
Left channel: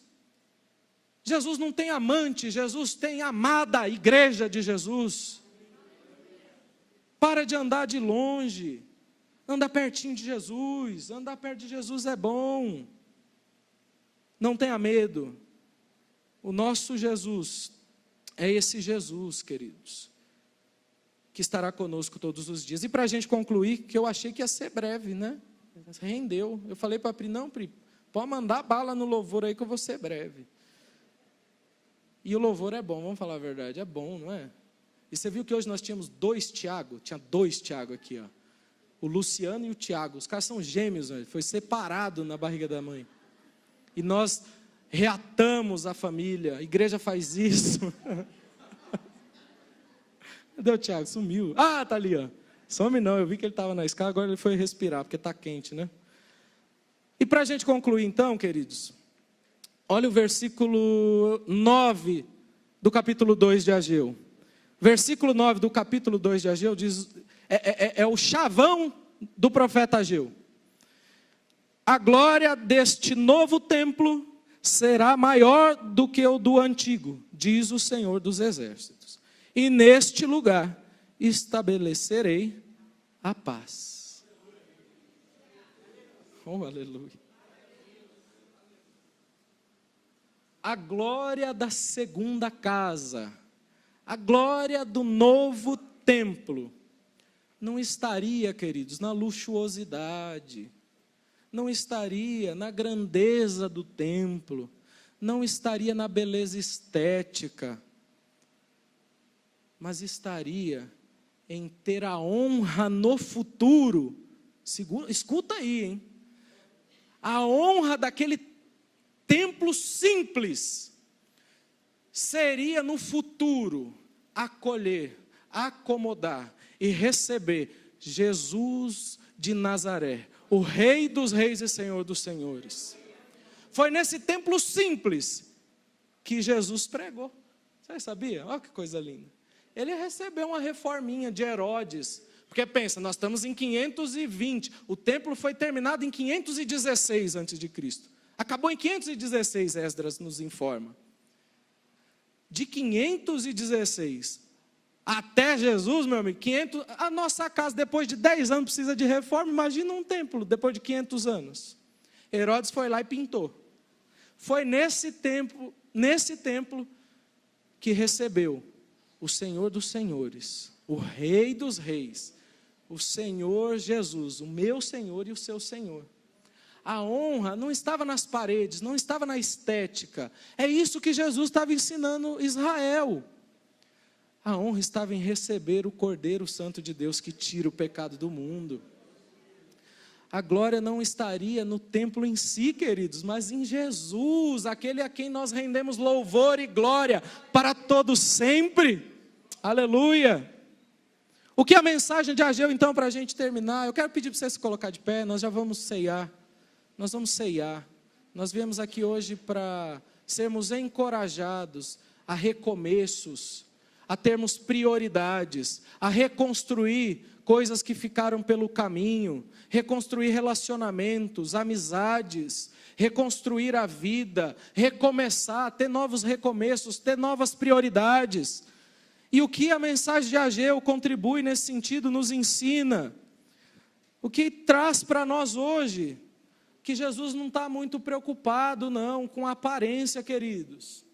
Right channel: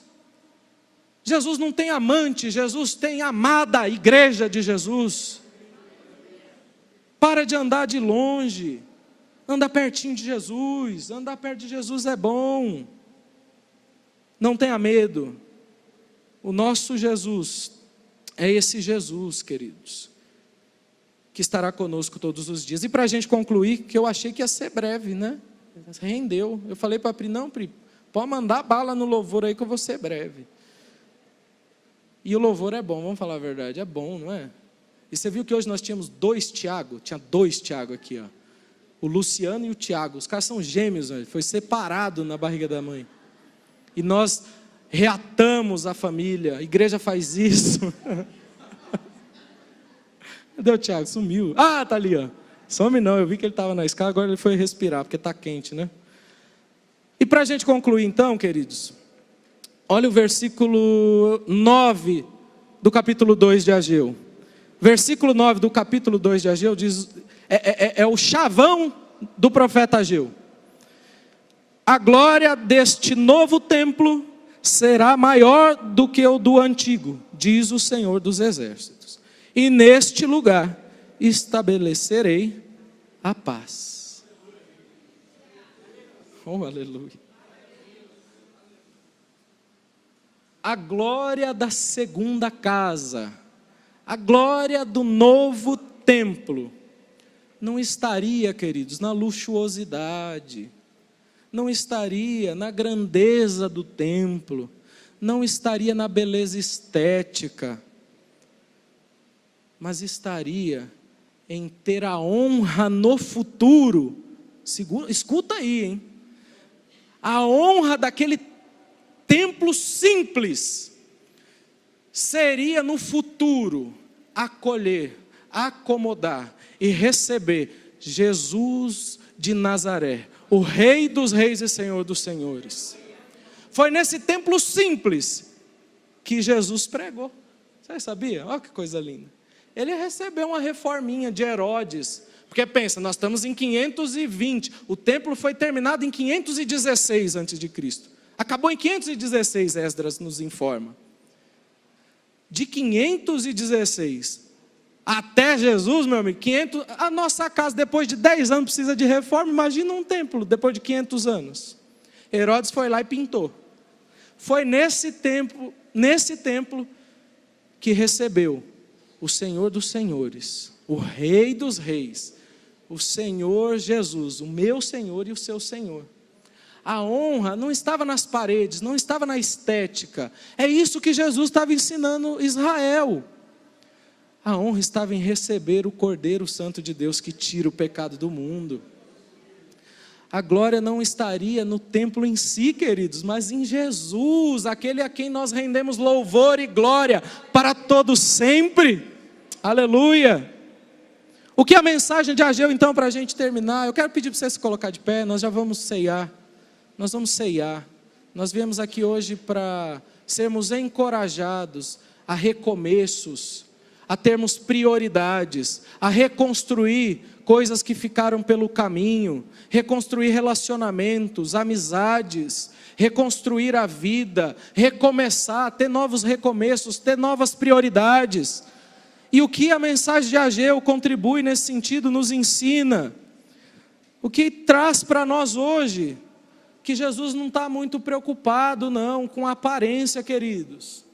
Jesus não tem amante, Jesus tem amada igreja de Jesus. Para de andar de longe, anda pertinho de Jesus. Andar perto de Jesus é bom. Não tenha medo. O nosso Jesus é esse Jesus, queridos, que estará conosco todos os dias. E para a gente concluir, que eu achei que ia ser breve, né? Rendeu. Eu falei para a Pri, não, Pri, pode mandar bala no louvor aí que eu vou ser breve. E o louvor é bom, vamos falar a verdade, é bom, não é? E você viu que hoje nós tínhamos 2 Tiago, tinha 2 Tiago aqui, ó. O Luciano e o Tiago, os caras são gêmeos, ó, foi separado na barriga da mãe. E nós reatamos a família, a igreja faz isso. Cadê o Tiago? Sumiu. Ah, tá ali, ó. Some não, eu vi que ele estava na escada, agora ele foi respirar, porque está quente, né? E para a gente concluir então, queridos, olha o versículo 9 do capítulo 2 de Ageu. Versículo 9 do capítulo 2 de Ageu diz, é o chavão do profeta Ageu. A glória deste novo templo será maior do que o do antigo, diz o Senhor dos Exércitos. E neste lugar estabelecerei a paz. Oh, aleluia. A glória da segunda casa, a glória do novo templo, não estaria, queridos, na luxuosidade, não estaria na grandeza do templo, não estaria na beleza estética, mas estaria em ter a honra no futuro. Escuta aí, hein? A honra daquele templo simples seria no futuro acolher, acomodar e receber Jesus de Nazaré, o Rei dos Reis e Senhor dos Senhores. Foi nesse templo simples que Jesus pregou. Você sabia? Olha que coisa linda. Ele recebeu uma reforminha de Herodes, porque pensa, nós estamos em 520, o templo foi terminado em 516 a.C., acabou em 516, Esdras nos informa. De 516 até Jesus, meu amigo, 500, a nossa casa depois de 10 anos precisa de reforma, imagina um templo depois de 500 anos. Herodes foi lá e pintou. Foi nesse templo que recebeu o Senhor dos Senhores, o Rei dos Reis, o Senhor Jesus, o meu Senhor e o seu Senhor. A honra não estava nas paredes, não estava na estética. É isso que Jesus estava ensinando Israel. A honra estava em receber o Cordeiro Santo de Deus que tira o pecado do mundo. A glória não estaria no templo em si, queridos, mas em Jesus, aquele a quem nós rendemos louvor e glória para todos sempre. Aleluia! O que é a mensagem de Ageu, então, para a gente terminar? Eu quero pedir para você se colocar de pé, nós já vamos ceiar. Nós vamos ceiar. Nós viemos aqui hoje para sermos encorajados a recomeços, a termos prioridades, a reconstruir coisas que ficaram pelo caminho, reconstruir relacionamentos, amizades, reconstruir a vida, recomeçar, ter novos recomeços, ter novas prioridades. E o que a mensagem de Ageu contribui nesse sentido, nos ensina? O que traz para nós hoje? Que Jesus não está muito preocupado não, com a aparência, queridos.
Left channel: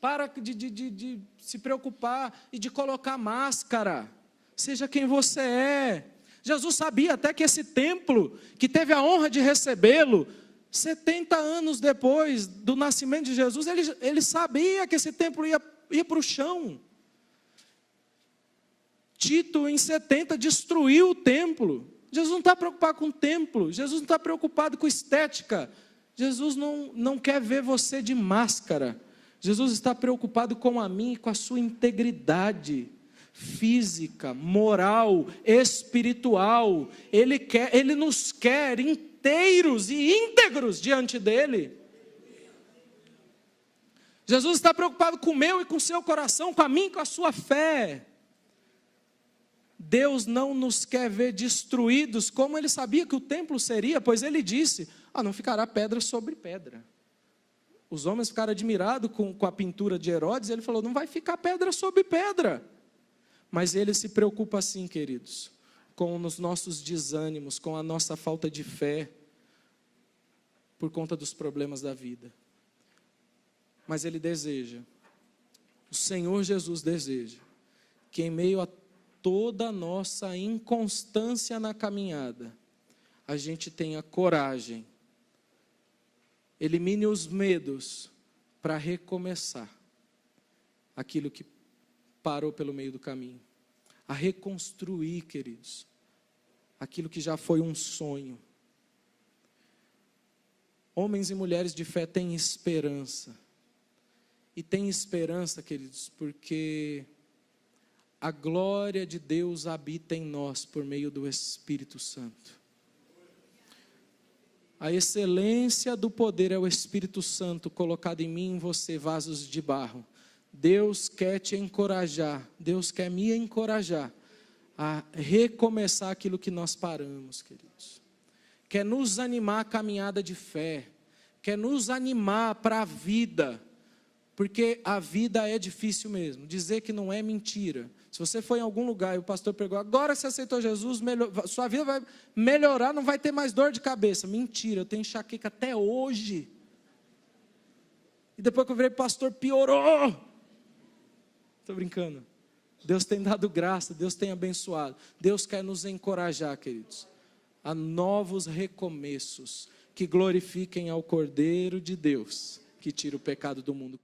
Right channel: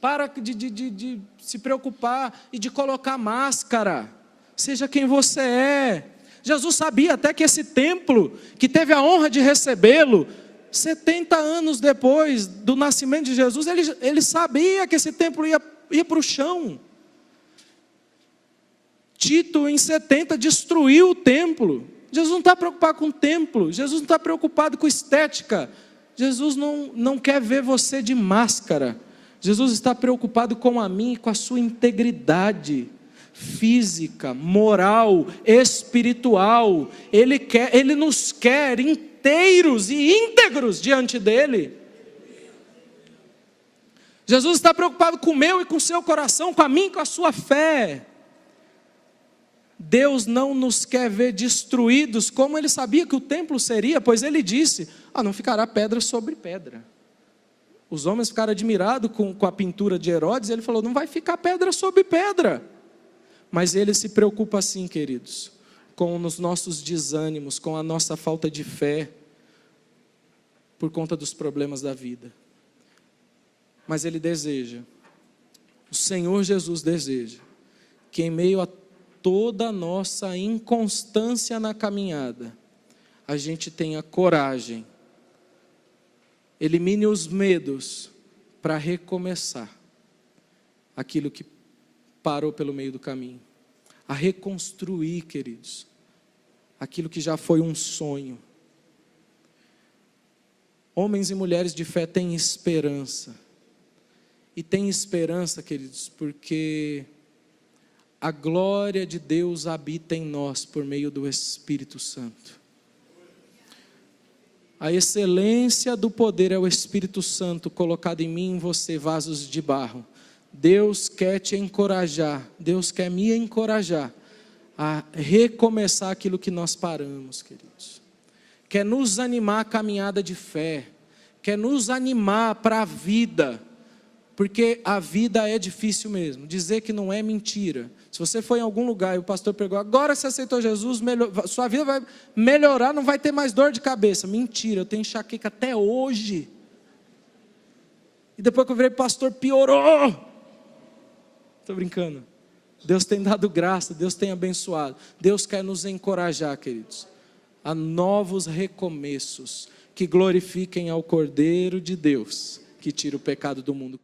Para de se preocupar e de colocar máscara. Seja quem você é. Jesus sabia até que esse templo, que teve a honra de recebê-lo, 70 anos depois do nascimento de Jesus, ele sabia que esse templo ia para o chão. Tito, em 70, destruiu o templo. Jesus não está preocupado com o templo, Jesus não está preocupado com estética, Jesus não quer ver você de máscara, Jesus está preocupado com a mim e com a sua integridade física, moral, espiritual. Ele nos quer inteiros e íntegros diante dele. Jesus está preocupado com o meu e com o seu coração, com a minha e com a sua fé. Deus não nos quer ver destruídos, como ele sabia que o templo seria, pois ele disse, não ficará pedra sobre pedra. Os homens ficaram admirados com a pintura de Herodes, e ele falou, não vai ficar pedra sobre pedra. Mas ele se preocupa assim, queridos, com os nossos desânimos, com a nossa falta de fé, por conta dos problemas da vida. Mas ele deseja, o Senhor Jesus deseja, que em meio a toda a nossa inconstância na caminhada, a gente tenha coragem, elimine os medos para recomeçar aquilo que parou pelo meio do caminho, a reconstruir, queridos, aquilo que já foi um sonho. Homens e mulheres de fé têm esperança, e têm esperança, queridos, porque a glória de Deus habita em nós por meio do Espírito Santo. A excelência do poder é o Espírito Santo colocado em mim e em você, vasos de barro. Deus quer te encorajar, Deus quer me encorajar a recomeçar aquilo que nós paramos, queridos. Quer nos animar a caminhada de fé, quer nos animar para a vida, porque a vida é difícil mesmo. Dizer que não é mentira. Se você for em algum lugar e o pastor pregou, agora você aceitou Jesus, sua vida vai melhorar, não vai ter mais dor de cabeça. Mentira, eu tenho enxaqueca até hoje. E depois que eu virei pastor, piorou. Estou brincando. Deus tem dado graça, Deus tem abençoado. Deus quer nos encorajar, queridos, a novos recomeços que glorifiquem ao Cordeiro de Deus, que tira o pecado do mundo.